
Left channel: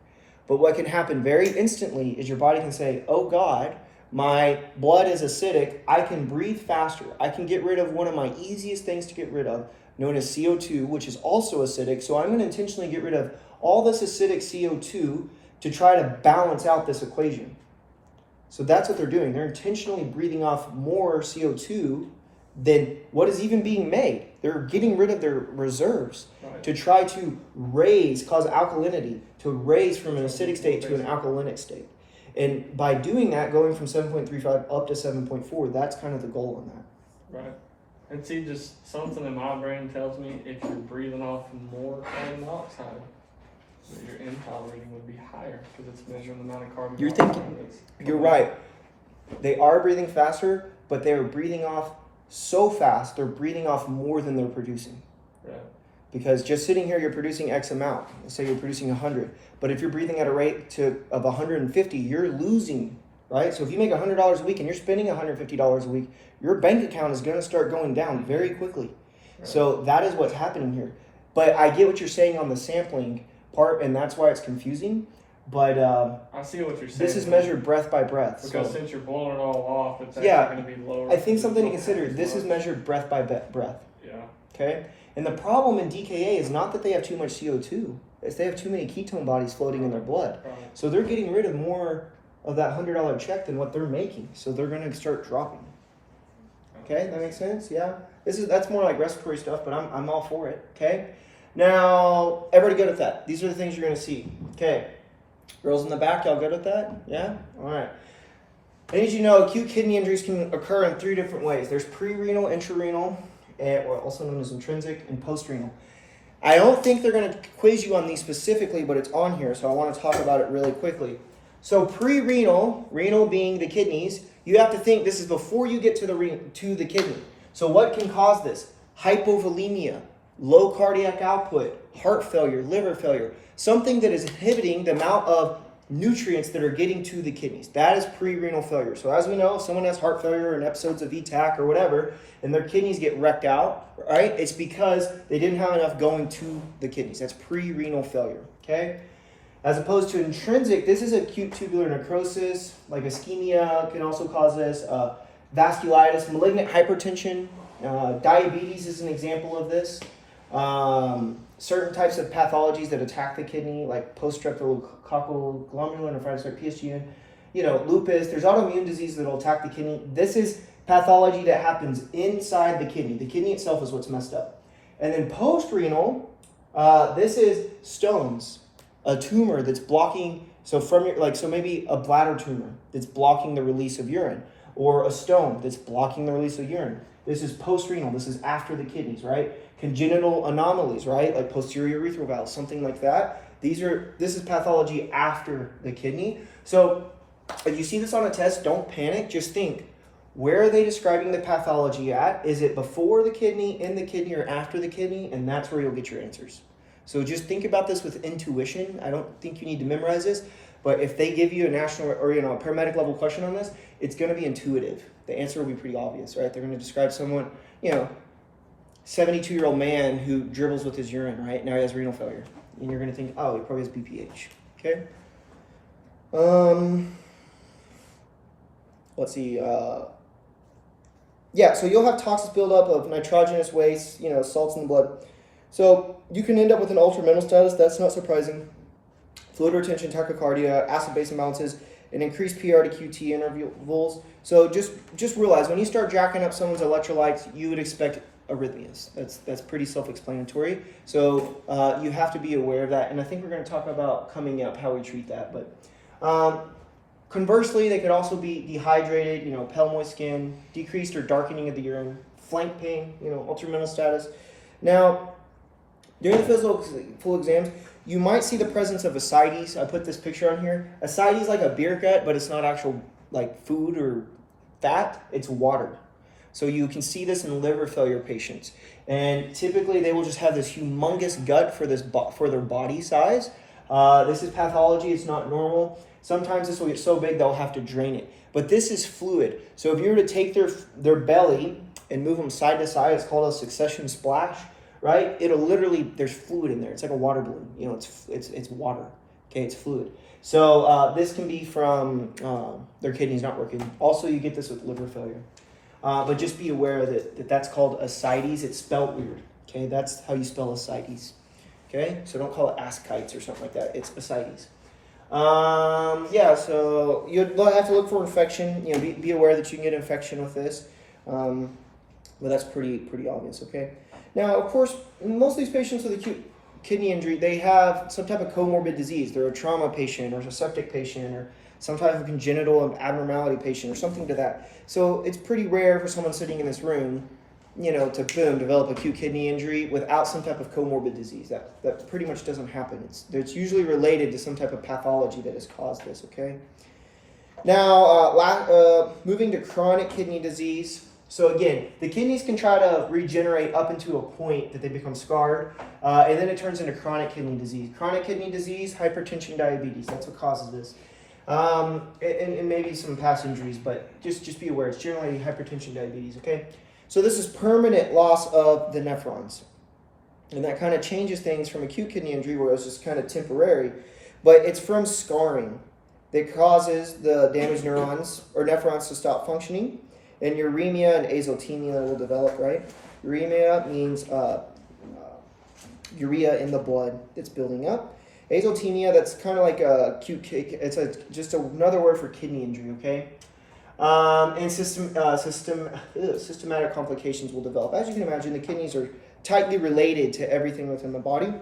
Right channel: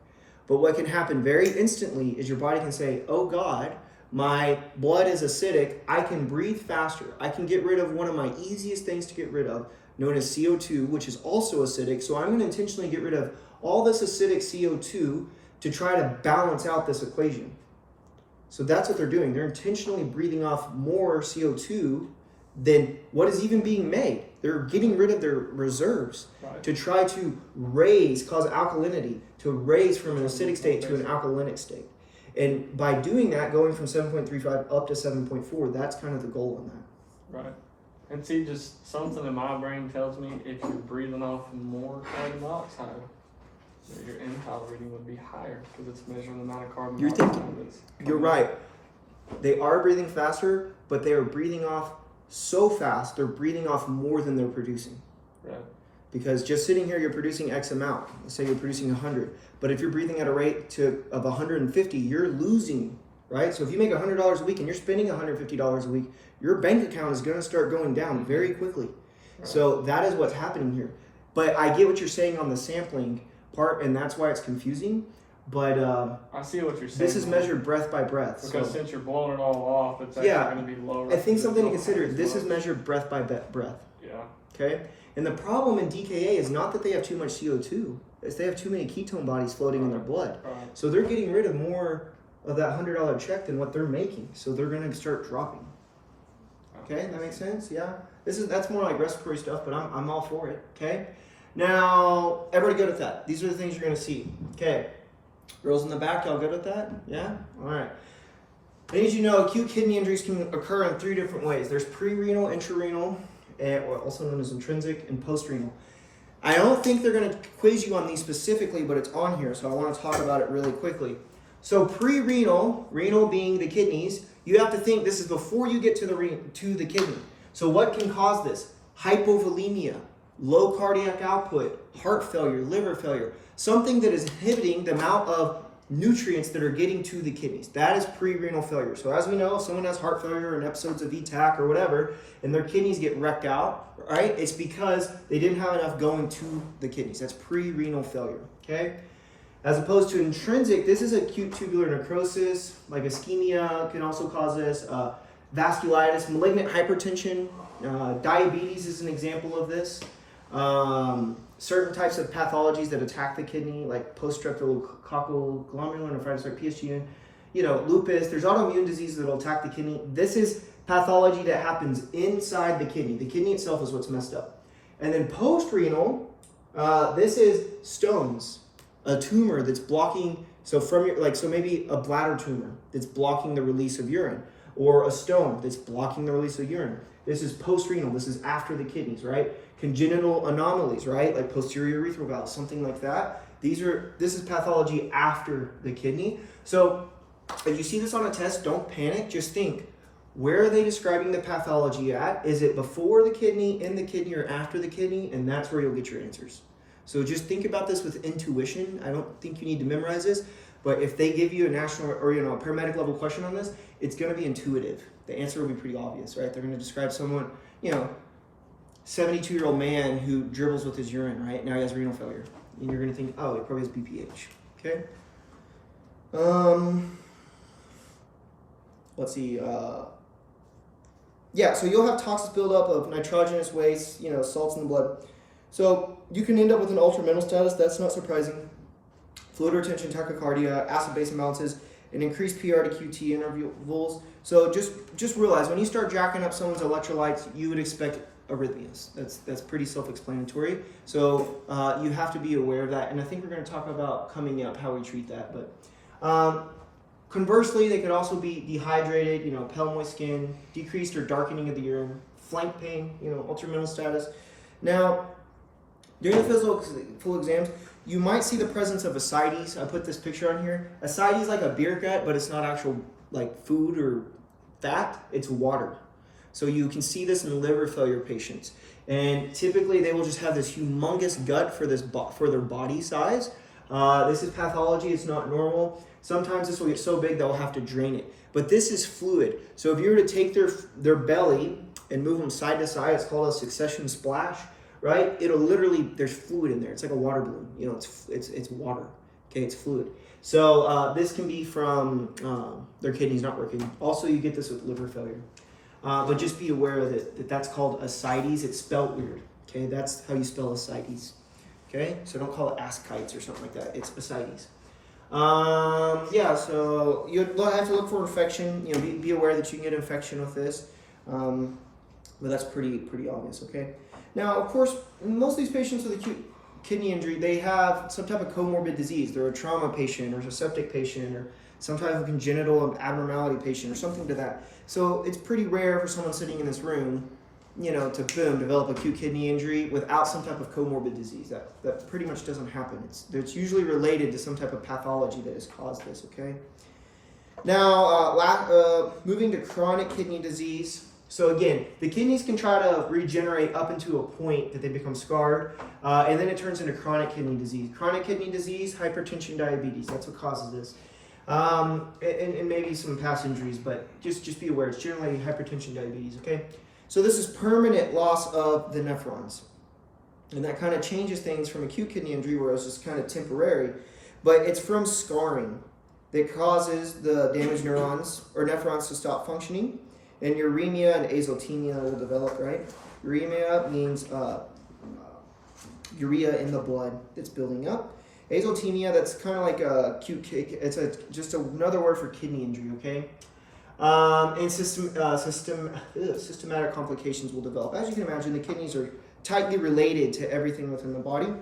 But what can happen very instantly is your body can say, oh God, my blood is acidic. I can breathe faster. I can get rid of one of my easiest things to get rid of, known as CO2, which is also acidic. So I'm going to intentionally get rid of all this acidic CO2 to try to balance out this equation. So that's what they're doing. They're intentionally breathing off more CO2 than what is even being made. They're getting rid of their reserves to try to cause alkalinity, to raise from an acidic state to an alkalinic state. And by doing that, going from 7.35 up to 7.4, that's kind of the goal on that. Right. And see, just something in my brain tells me if you're breathing off more carbon monoxide, your end-tidal reading would be higher because it's measuring the amount of carbon monoxide. You're right. They are breathing faster, but they are breathing off so fast, they're breathing off more than they're producing. Yeah. Because just sitting here, you're producing X amount. Say you're producing 100. But if you're breathing at a rate of 150, you're losing, right? So if you make $100 a week and you're spending $150 a week, your bank account is going to start going down very quickly. Right. So that is what's happening here. But I get what you're saying on the sampling part, and that's why it's confusing. But I see what you're saying. This is measured breath by breath. Because since you're blowing it all off, it's actually going to be lower. I think something to consider. This is measured breath by breath. Yeah. Okay? And the problem in DKA is not that they have too much CO2. It's they have too many ketone bodies floating in their blood. Right. So they're getting rid of more of that $100 check than what they're making. So they're going to start dropping. Okay? That makes sense? Yeah? That's more like respiratory stuff, but I'm all for it. Okay? Now, everybody good at that? These are the things you're going to see. Okay. Girls in the back, y'all good with that? Yeah? All right. And as you know, acute kidney injuries can occur in 3 different ways. There's pre-renal, intrarenal, or also known as intrinsic, and post-renal. I don't think they're going to quiz you on these specifically, but it's on here, so I want to talk about it really quickly. So pre-renal, renal being the kidneys, you have to think this is before you get to the kidney. So what can cause this? Hypovolemia, low cardiac output, heart failure, liver failure, something that is inhibiting the amount of nutrients that are getting to the kidneys. That is pre-renal failure. So as we know, if someone has heart failure and episodes of ETAC or whatever, and their kidneys get wrecked out, right? It's because they didn't have enough going to the kidneys. That's pre-renal failure, okay? As opposed to intrinsic, this is acute tubular necrosis, like ischemia can also cause this, vasculitis, malignant hypertension, diabetes is an example of this. Certain types of pathologies that attack the kidney, like post-streptococcal glomerulonephritis or PSG, lupus. There's autoimmune disease that will attack the kidney. This is pathology that happens inside the kidney. The kidney itself is what's messed up. And then post-renal, this is stones, a tumor that's blocking So from your so maybe a bladder tumor that's blocking the release of urine, or a stone that's blocking the release of urine. This is post-renal. This is after the kidneys, right? Congenital anomalies, right? Like posterior urethral valve, something like that. This is pathology after the kidney. So if you see this on a test, don't panic. Just think, where are they describing the pathology at? Is it before the kidney, in the kidney, or after the kidney? And that's where you'll get your answers. So just think about this with intuition. I don't think you need to memorize this, but if they give you a national or a paramedic level question on this, it's going to be intuitive. The answer will be pretty obvious, right? They're going to describe someone, 72-year-old man who dribbles with his urine, right? Now he has renal failure. And you're going to think, oh, he probably has BPH, okay? Let's see. So you'll have toxic buildup of nitrogenous waste, salts in the blood. So you can end up with an altered mental status. That's not surprising. Fluid retention, tachycardia, acid-base imbalances, and increased PR to QT intervals. So just realize when you start jacking up someone's electrolytes, you would expect arrhythmias. That's pretty self-explanatory. So you have to be aware of that. And I think we're going to talk about coming up how we treat that. But conversely, they could also be dehydrated, pale moist skin, decreased or darkening of the urine, flank pain, altered mental status. Now, during the physical exams, you might see the presence of ascites. I put this picture on here. Ascites is like a beer gut, but it's not actual food or fat. It's water. So you can see this in liver failure patients. And typically they will just have this humongous gut for their body size. This is pathology. It's not normal. Sometimes this will get so big they'll have to drain it. But this is fluid. So if you were to take their belly and move them side to side, it's called a succession splash. Right? It'll literally, there's fluid in there. It's like a water balloon. It's water. Okay, it's fluid. So this can be from their kidneys not working. Also, you get this with liver failure. But just be aware that that's called ascites. It's spelled weird. Okay, that's how you spell ascites. Okay, so don't call it ascites or something like that. It's ascites. So you have to look for infection. Be aware that you can get infection with this. But that's pretty obvious. Okay. Now, of course, most of these patients with acute kidney injury, they have some type of comorbid disease. They're a trauma patient or a septic patient or some type of congenital abnormality patient or something to that. So it's pretty rare for someone sitting in this room, to develop acute kidney injury without some type of comorbid disease. That pretty much doesn't happen. It's usually related to some type of pathology that has caused this, okay? Now, moving to chronic kidney disease. So again, the kidneys can try to regenerate up into a point that they become scarred, and then it turns into chronic kidney disease. Chronic kidney disease, hypertension, diabetes, that's what causes this. And maybe some past injuries, but just be aware, it's generally hypertension, diabetes, okay? So this is permanent loss of the nephrons. And that kind of changes things from acute kidney injury where it's just kind of temporary, but it's from scarring that causes the damaged neurons or nephrons to stop functioning. And uremia and azotemia will develop, right? Uremia means urea in the blood that's building up. Azotemia, that's kind of like a acute kick. It's just another word for kidney injury, okay? And systematic complications will develop. As you can imagine, the kidneys are tightly related to everything within the body.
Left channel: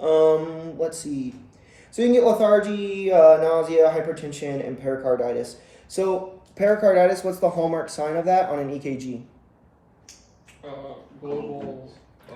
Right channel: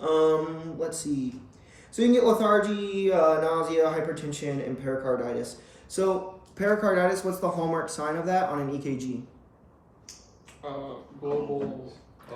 Let's see. So you can get lethargy, nausea, hypertension, and pericarditis. So pericarditis, what's the hallmark sign of that on an EKG? Global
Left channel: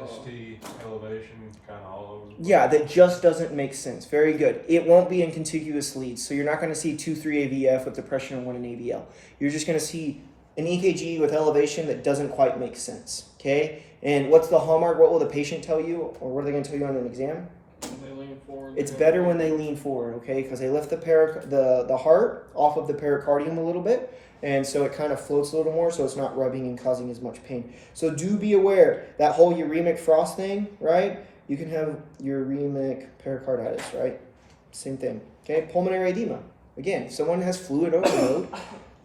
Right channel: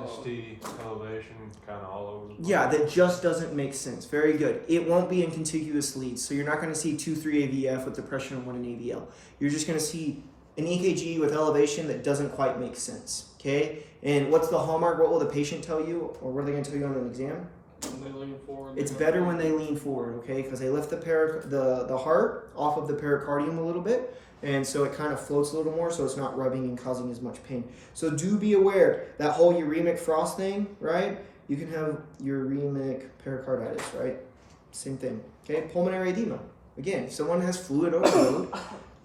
ST elevation, kind of all over. Yeah, that just doesn't make sense. Very good. It won't be in contiguous leads, so you're not going to see 2-3 AVF with depression and 1 in AVL. You're just going to see an EKG with elevation that doesn't quite make sense. Okay, and what's the hallmark? What will the patient tell you, or what are they going to tell you on an exam? When they lean forward. It's better when they lean forward, okay, because they lift the heart off of the pericardium a little bit, and so it kind of floats a little more, so it's not rubbing and causing as much pain. So do be aware, that whole uremic frost thing, right? You can have uremic pericarditis, right? Same thing, okay? Pulmonary edema. Again, if someone has fluid overload,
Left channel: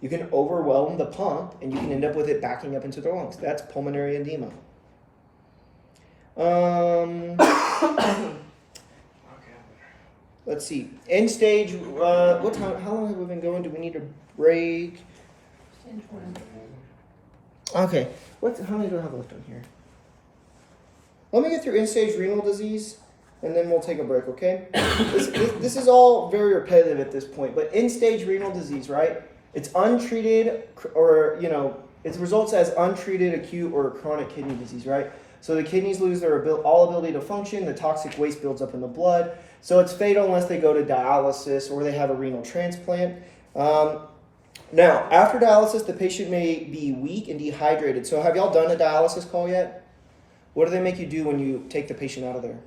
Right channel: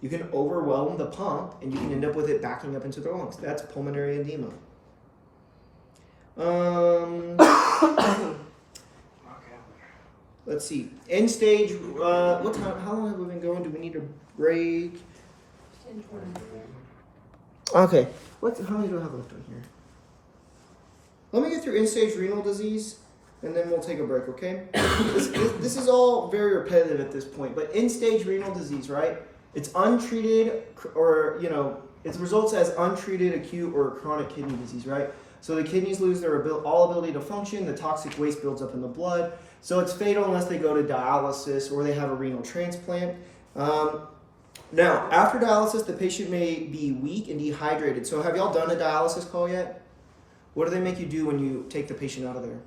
you can overwhelm the pump, and you can end up with it backing up into their lungs. That's pulmonary edema. Let's see. End stage. What time? How long have we been going? Do we need a break? 10:20. Okay. How many do I have left on here? Let me get through end stage renal disease, and then we'll take a break, okay? This is all very repetitive at this point, but end-stage renal disease, right? It's untreated, or, you know, it results as untreated acute or chronic kidney disease, right? So the kidneys lose their all ability to function, the toxic waste builds up in the blood, so it's fatal unless they go to dialysis or they have a renal transplant. Now, after dialysis, the patient may be weak and dehydrated. So have y'all done a dialysis call yet? What do they make you do when you take the patient out of there?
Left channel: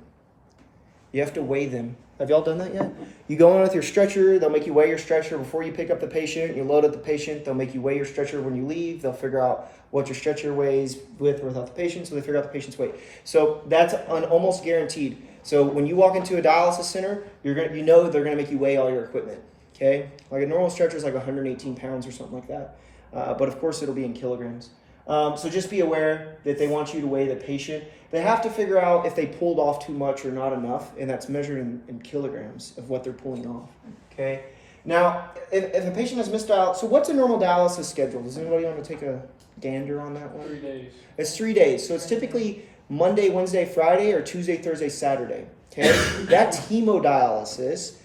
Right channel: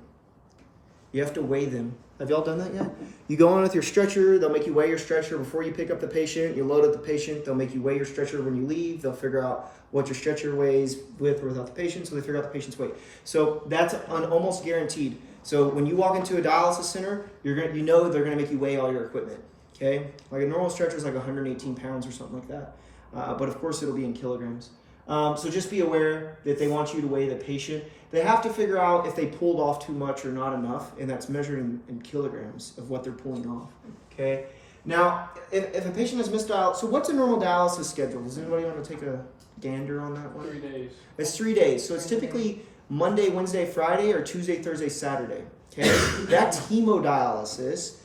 You have to weigh them. Have y'all done that yet? You go in with your stretcher, they'll make you weigh your stretcher before you pick up the patient, you load up the patient, they'll make you weigh your stretcher when you leave, they'll figure out what your stretcher weighs with or without the patient, so they figure out the patient's weight. So that's almost guaranteed. So when you walk into a dialysis center, you know they're gonna make you weigh all your equipment, okay? Like a normal stretcher is like 118 pounds or something like that. But of course it'll be in kilograms. So just be aware that they want you to weigh the patient. They have to figure out if they pulled off too much or not enough, and that's measured in kilograms of what they're pulling off, okay? Now, if a patient has missed dialysis, so what's a normal dialysis schedule? Does anybody want to take a gander on that one? 3 days. It's 3 days, so it's typically Monday, Wednesday, Friday, or Tuesday, Thursday, Saturday, okay? That's hemodialysis,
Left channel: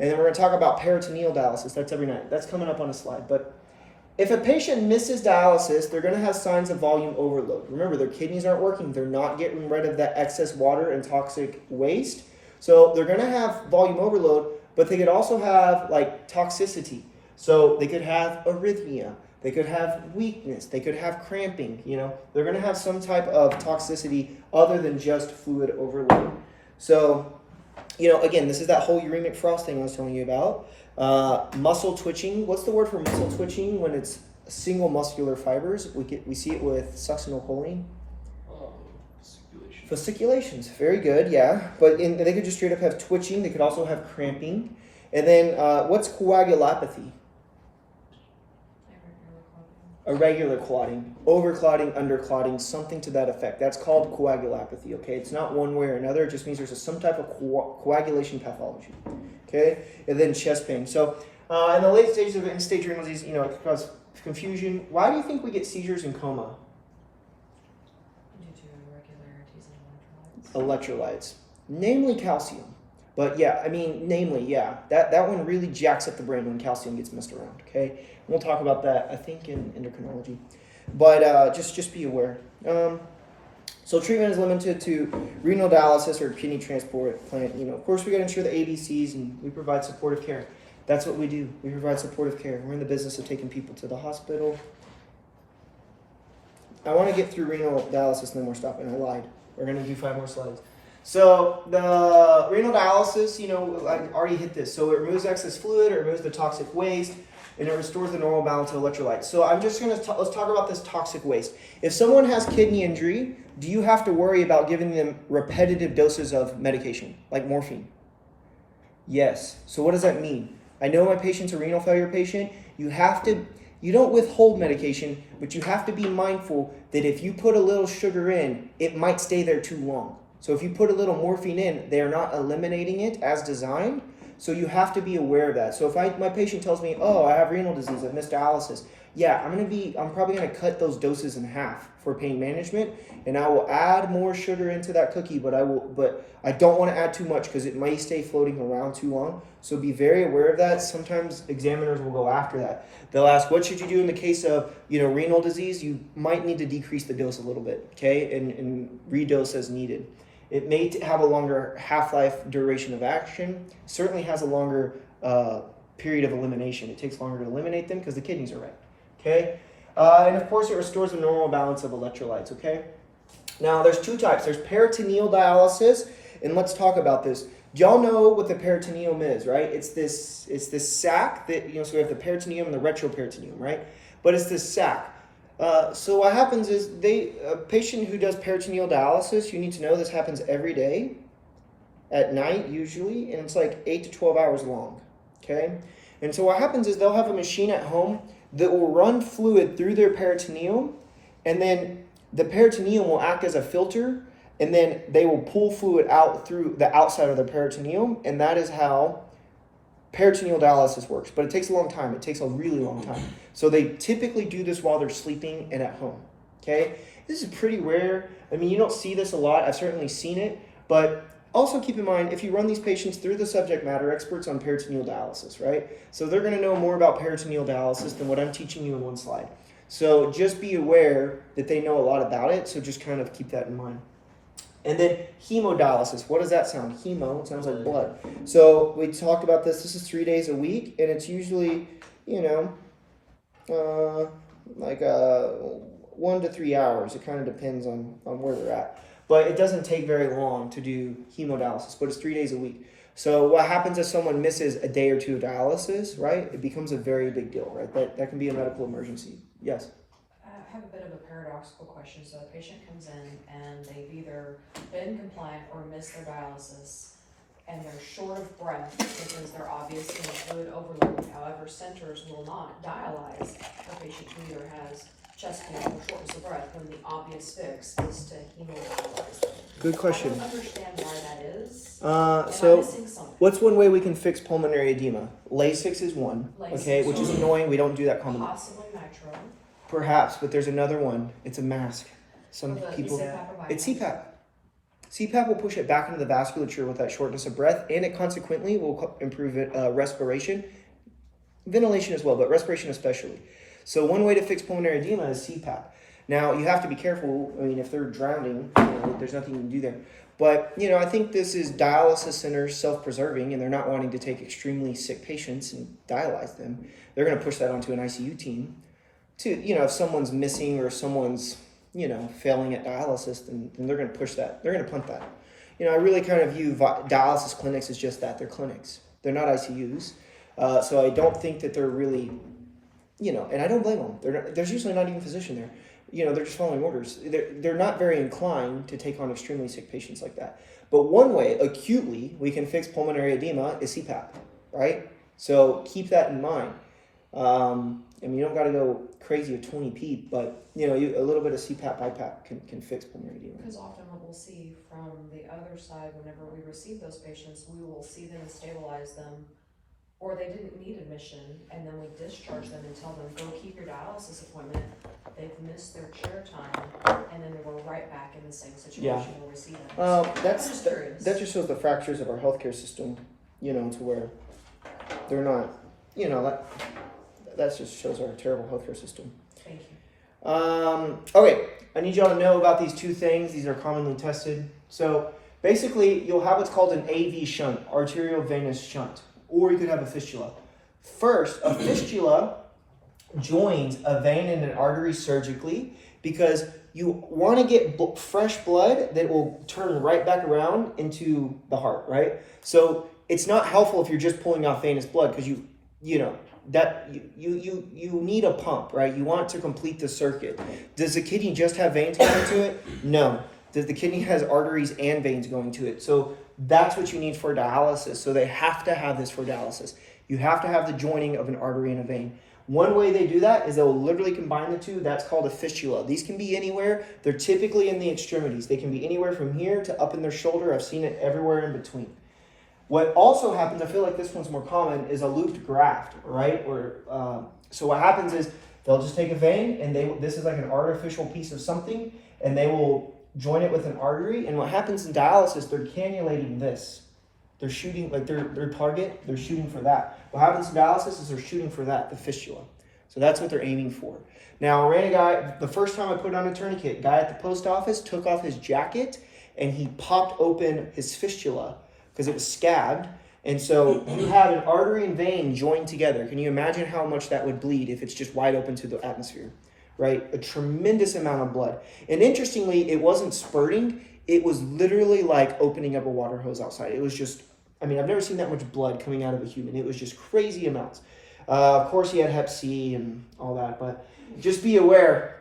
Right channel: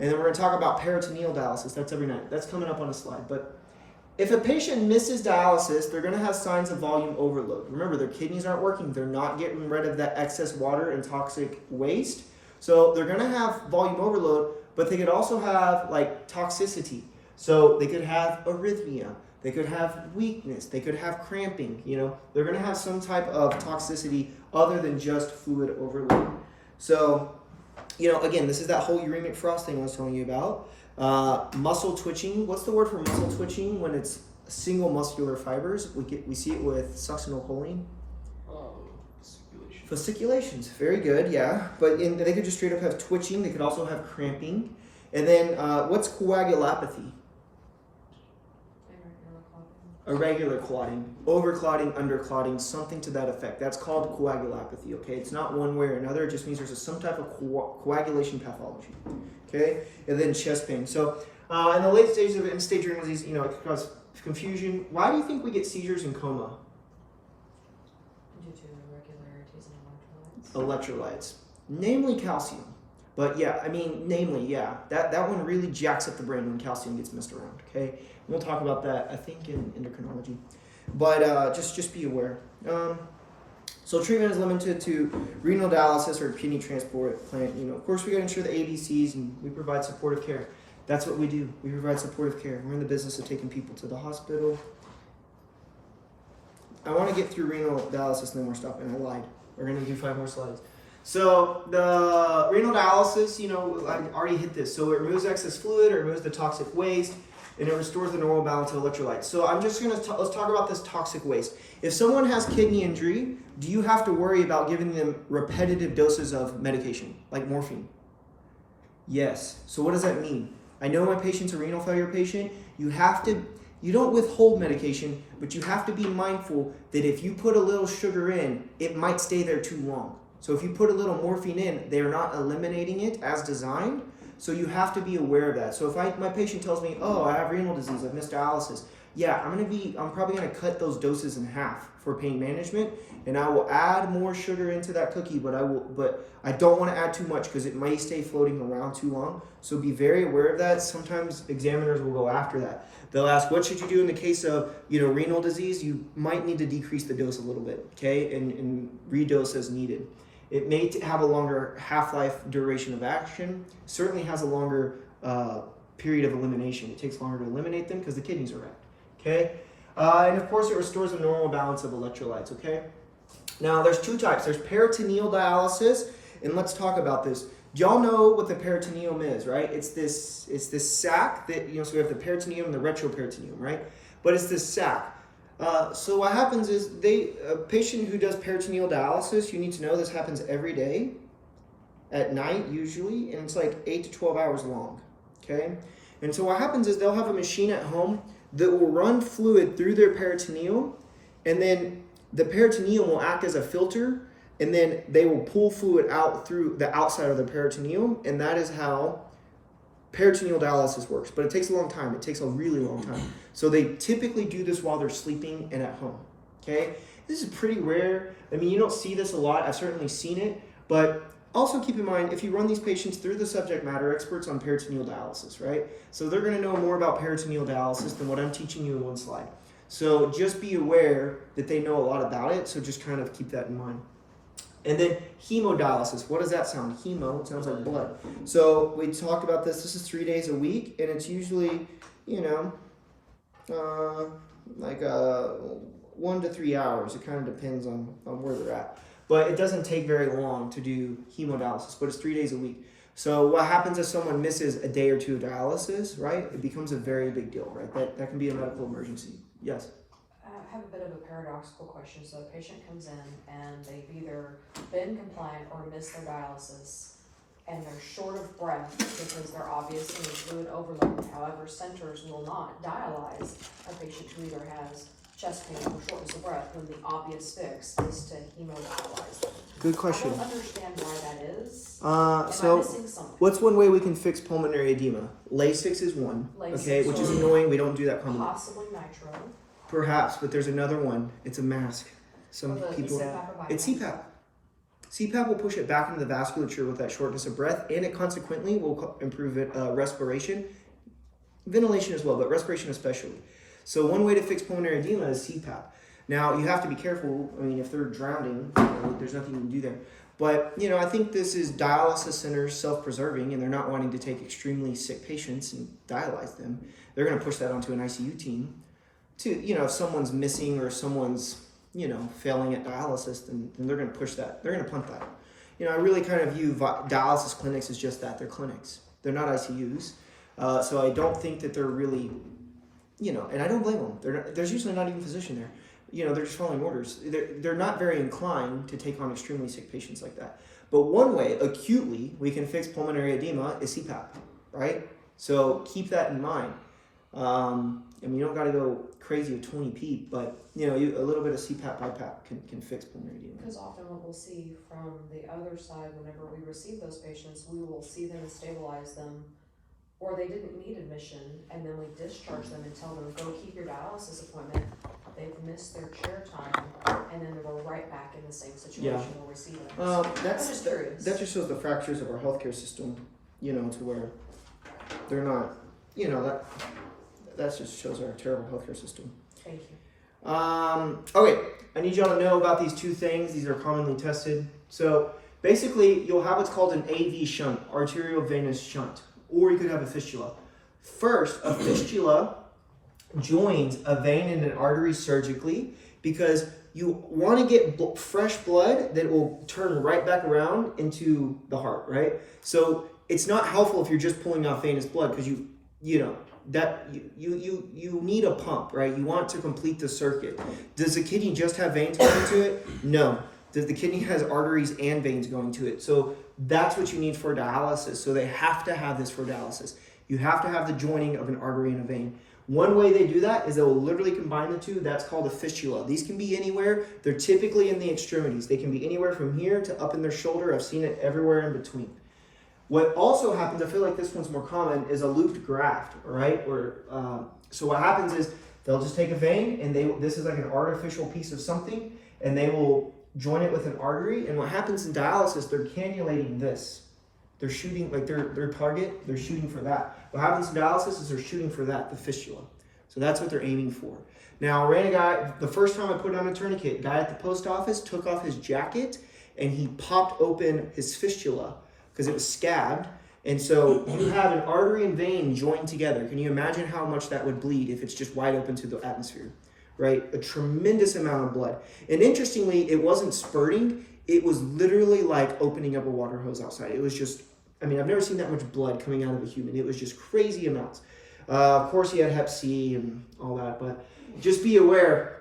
and then we're going to talk about peritoneal dialysis. That's every night. That's coming up on a slide, but if a patient misses dialysis, they're going to have signs of volume overload. Remember, their kidneys aren't working. They're not getting rid of that excess water and toxic waste. So they're going to have volume overload, but they could also have like toxicity. So they could have arrhythmia. They could have weakness. They could have cramping. You know, they're going to have some type of toxicity other than just fluid overload. So, you know, again, this is that whole uremic frost thing I was telling you about. Muscle twitching. What's the word for muscle twitching when it's single muscular fibers? We see it with succinylcholine. Fasciculations. Very good, yeah. But they could just straight up have twitching. They could also have cramping. And then what's coagulopathy? Irregular clotting, overclotting, underclotting, something to that effect. That's called coagulopathy, okay? It's not one way or another. It just means there's some type of coagulation pathology, okay? And then chest pain. So in the late stages of end-stage renal disease, you know, it can cause confusion. Why do you think we get seizures and coma? Due to irregularities in electrolytes. Electrolytes, namely calcium. But yeah, I mean, namely, yeah. That one really jacks up the brain when calcium gets messed around, okay? We'll talk about that, I think, in endocrinology. But just be aware. So treatment is limited to renal dialysis or kidney transport plant. You know, of course, we got to ensure the ABCs, and we provide supportive care. That's what we do. We provide supportive care. We're in the business of taking people to the hospital. I want to get through renal dialysis, and then we're stopping. I lied. We're going to do 5 more slides. So the renal dialysis, you know, I already hit this. So it removes excess fluid, it removes the toxic waste, and it restores the normal balance of electrolytes. So I'm just going to, let's talk about this toxic waste. If someone has kidney injury, do you have to worry about giving them repetitive doses of medication, like morphine? Yes. So what does that mean? I know my patient's a renal failure patient. You don't withhold medication, but you have to be mindful that if you put a little sugar in, it might stay there too long. So if you put a little morphine in, they are not eliminating it as designed. So you have to be aware of that. So if my patient tells me, oh, I have renal disease, I've missed dialysis, yeah, I'm probably gonna cut those doses in half for pain management, and I will add more sugar into that cookie, but I don't want to add too much because it may stay floating around too long. So be very aware of that. Sometimes examiners will go after that. They'll ask, what should you do in the case of, you know, renal disease? You might need to decrease the dose a little bit, okay, and redose as needed. It may have a longer half-life duration of action, certainly has a longer period of elimination. It takes longer to eliminate them because the kidneys are wrecked, okay? And of course, it restores the normal balance of electrolytes, okay? Now, there's 2 types. There's peritoneal dialysis, and let's talk about this. Y'all know what the peritoneum is, right? It's this sac that, you know, so we have the peritoneum and the retroperitoneum, right? But it's this sac. So what happens is a patient who does peritoneal dialysis, you need to know this happens every day at night usually, and it's like 8 to 12 hours long, okay? And so what happens is they'll have a machine at home that will run fluid through their peritoneum, and then the peritoneum will act as a filter, and then they will pull fluid out through the outside of the peritoneum, and that is how peritoneal dialysis works. But it takes a long time. It takes a really long time. So they typically do this while they're sleeping and at home, okay? This is pretty rare. I mean, you don't see this a lot. I've certainly seen it, but Also keep in mind, if you run these patients through the subject matter experts on peritoneal dialysis, right? So they're going to know more about peritoneal dialysis than what I'm teaching you in one slide. So just be aware that they know a lot about it, so just kind of keep that in mind. And then hemodialysis, what does that sound? Hemo, it sounds like blood. So we talked about this is 3 days a week, and it's usually, like 1 to 3 hours. It kind of depends on where they're at. But it doesn't take very long to do hemodialysis, but it's 3 days a week. So what happens if someone misses a day or two of dialysis, right? It becomes a very big deal, right? That can be a medical emergency. Yes? I have a bit of a paradoxical question. So a patient comes in and they've either been compliant or missed their dialysis, and they're short of breath because they're obviously in fluid overload. However, centers will not dialyze a patient who either has chest pain or shortness of breath when the obvious fix is to hemodialyze them. Good question. I don't understand why that is. So missing something. what's one way we can fix pulmonary edema? Lasix is one, Lasix okay, which is annoying. We don't do that commonly. Possibly nitro. Perhaps, but there's another one. It's a mask. Some But people. is it CPAP or It's bypass? CPAP. CPAP will push it back into the vasculature with that shortness of breath, and it consequently will improve it, respiration, ventilation as well, but respiration especially. So one way to fix pulmonary edema is CPAP. Now you have to be careful. I mean, if they're drowning, there's nothing you can do there. But I think this is dialysis centers self-preserving, and they're not wanting to take extremely sick patients and dialyze them. They're going to push that onto an ICU team. To if someone's missing or someone's failing at dialysis, then they're going to push that. They're going to punt that. I really kind of view dialysis clinics as just that. They're clinics. They're not ICUs. So I don't think that they're really, and I don't blame them. There's usually not even a physician there. They're just following orders. They're not very inclined to take on extremely sick patients like that. But one way, acutely, we can fix pulmonary edema is CPAP, right? So keep that in mind. You don't got to go crazy with 20p, but a little bit of CPAP, BiPAP can fix pulmonary edema. Because often what we'll see from the other side, whenever we receive those patients, we will see them stabilize them, or they didn't need admission, and then we discharge them and tell them, go keep your dialysis appointment. They've missed their chair time, and then they go right back in the same situation we'll receive them. That just shows the fractures of our healthcare system, to where they're not, that just shows our terrible healthcare system. Thank you. Okay, I need y'all to know about these two things. These are commonly tested. So basically, you'll have what's called an AV shunt, arterial venous shunt, or you could have a fistula. First, a fistula joins a vein and an artery surgically because you want to get fresh blood that will turn right back around into the heart, right? So it's not helpful if you're just pulling off venous blood because you need a pump, right? You want to complete the circuit. Does the kidney just have veins going to it? No. The kidney has arteries and veins going to it. So that's what you need for dialysis. So they have to have this for dialysis. You have to have the joining of an artery and a vein. One way they do that is they'll literally combine the two. That's called a fistula. These can be anywhere. They're typically in the extremities. They can be anywhere from here to up in their shoulder. I've seen it everywhere in between. What also happens, I feel like this one's more common, is a looped graft, right? So what happens is they'll just take a vein, and this is like an artificial piece of something, and they will join it with an artery. And what happens in dialysis, they're cannulating this. They're shooting, like their target, they're shooting for that. What happens in dialysis is they're shooting for that, the fistula. So that's what they're aiming for. Now, I ran a guy, the first time I put on a tourniquet, guy at the post office took off his jacket, and he popped open his fistula because it was scabbed. And so you have an artery and vein joined together. Can you imagine how much that would bleed if it's just wide open to the atmosphere, right? A tremendous amount of blood. And interestingly, it wasn't spurting. It was literally like opening up a water hose outside. It was just, I've never seen that much blood coming out of a human. It was just crazy amounts. Of course, he had Hep C and all that, but just be aware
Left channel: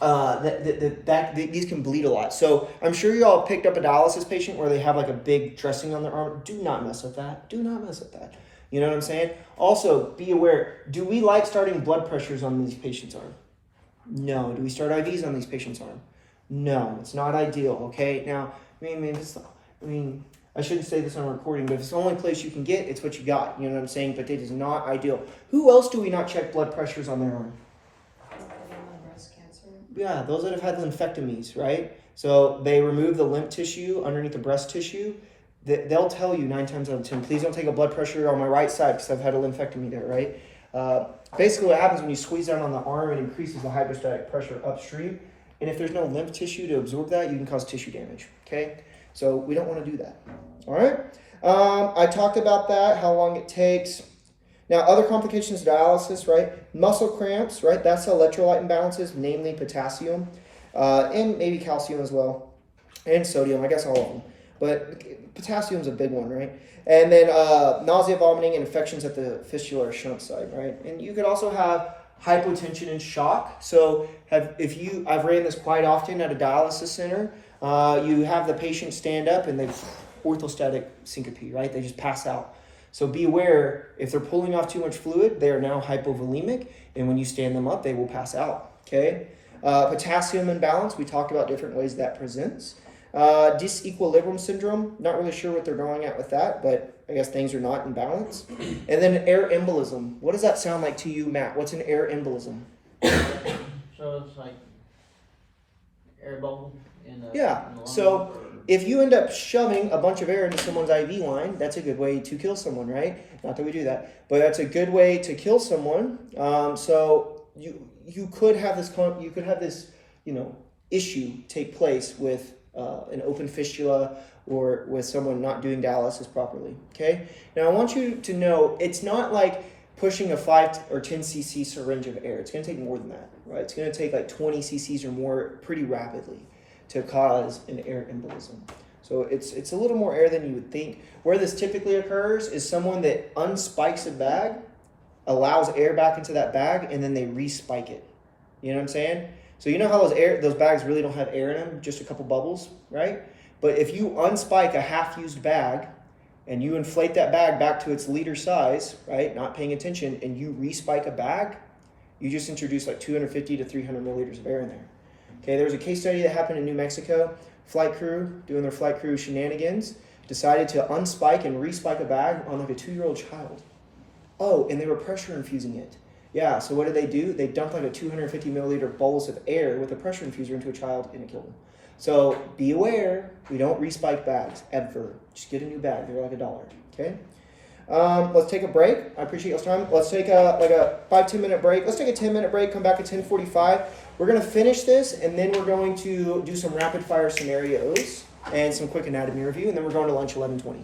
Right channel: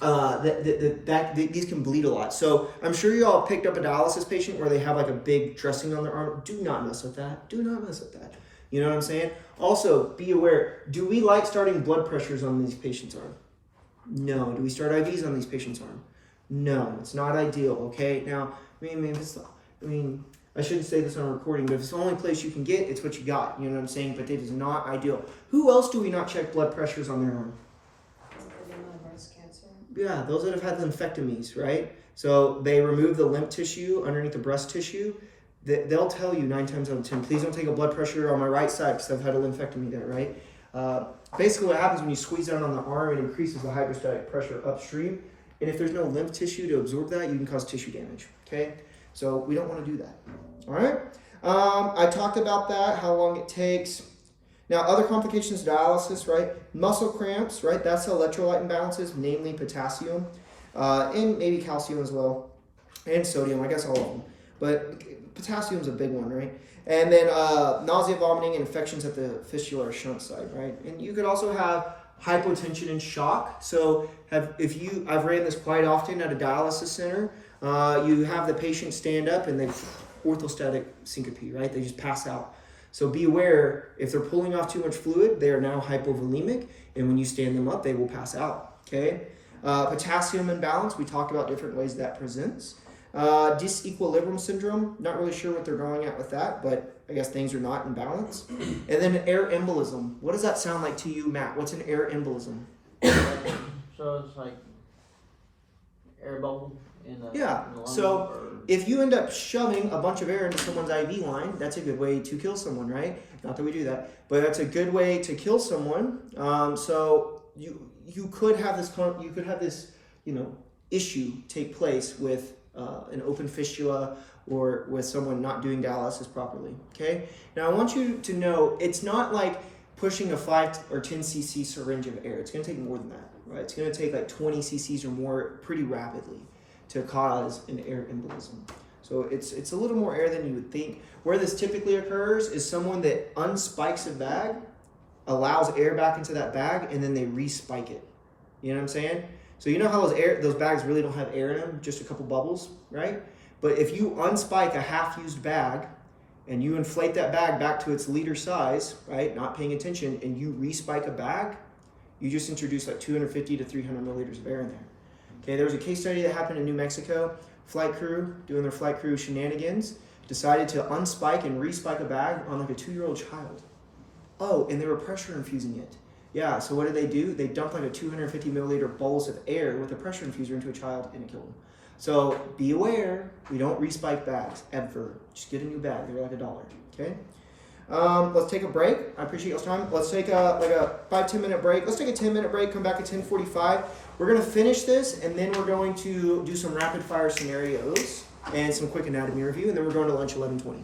that these can bleed a lot. So I'm sure you all picked up a dialysis patient where they have like a big dressing on their arm. Do not mess with that. Do not mess with that. You know what I'm saying? Also, be aware, do we like starting blood pressures on these patients' arm? No. Do we start IVs on these patients' arm? No. It's not ideal, okay? Now, I shouldn't say this on a recording, but if it's the only place you can get, it's what you got. You know what I'm saying? But it is not ideal. Who else do we not check blood pressures on their arm? Yeah, those that have had lymphectomies, right? So they remove the lymph tissue underneath the breast tissue. they'll tell you 9 times out of 10, please don't take a blood pressure on my right side because I've had a lympectomy there, right? Basically what happens when you squeeze down on the arm, it increases the hydrostatic pressure upstream. And if there's no lymph tissue to absorb that, you can cause tissue damage, okay? So we don't want to do that, all right? I talked about that, how long it takes. Now, other complications of dialysis, right? Muscle cramps, right? That's electrolyte imbalances, namely potassium, and maybe calcium as well, and sodium, I guess all of them. But potassium's a big one, right? And then nausea, vomiting, and infections at the fistula or shunt side, right? And you could also have hypotension and shock. So I've ran this quite often at a dialysis center. You have the patient stand up and they orthostatic syncope, right? They just pass out. So be aware, if they're pulling off too much fluid, they are now hypovolemic, and when you stand them up, they will pass out, okay? Potassium imbalance, we talked about different ways that presents. Disequilibrium syndrome, not really sure what they're going at with that, but I guess things are not in balance. And then air embolism. What does that sound like to you, Matt? What's an air embolism? So it's like air bubble in the Yeah, in the lung, so or- if you end up shoving a bunch of air into someone's IV line, that's a good way to kill someone, right? Not that we do that, but that's a good way to kill someone. So you could have this issue take place with an open fistula or with someone not doing dialysis properly. Okay. Now I want you to know it's not like pushing a 5 or 10 cc syringe of air. It's going to take more than that, right? It's going to take like 20 cc's or more pretty rapidly to cause an air embolism. So it's a little more air than you would think. Where this typically occurs is someone that unspikes a bag, allows air back into that bag, and then they respike it. You know what I'm saying? So you know how those bags really don't have air in them, just a couple bubbles, right? But if you unspike a half-used bag and you inflate that bag back to its liter size, right, not paying attention, and you respike a bag, you just introduce like 250 to 300 milliliters of air in there. Okay, there was a case study that happened in New Mexico. Flight crew, doing their flight crew shenanigans, decided to unspike and respike a bag on like a 2-year-old child. Oh, and they were pressure infusing it. Yeah, so what did they do? They dumped like a 250 milliliter bolus of air with a pressure infuser into a child and it killed them. So be aware, we don't respike bags, ever. Just get a new bag, they're like $1, okay? Let's take a break. I appreciate your time. Let's take a 5-10 minute break. Let's take a 10-minute break, come back at 10:45. We're gonna finish this and then we're going to do some rapid fire scenarios and some quick anatomy review, and then we're going to lunch 11:20.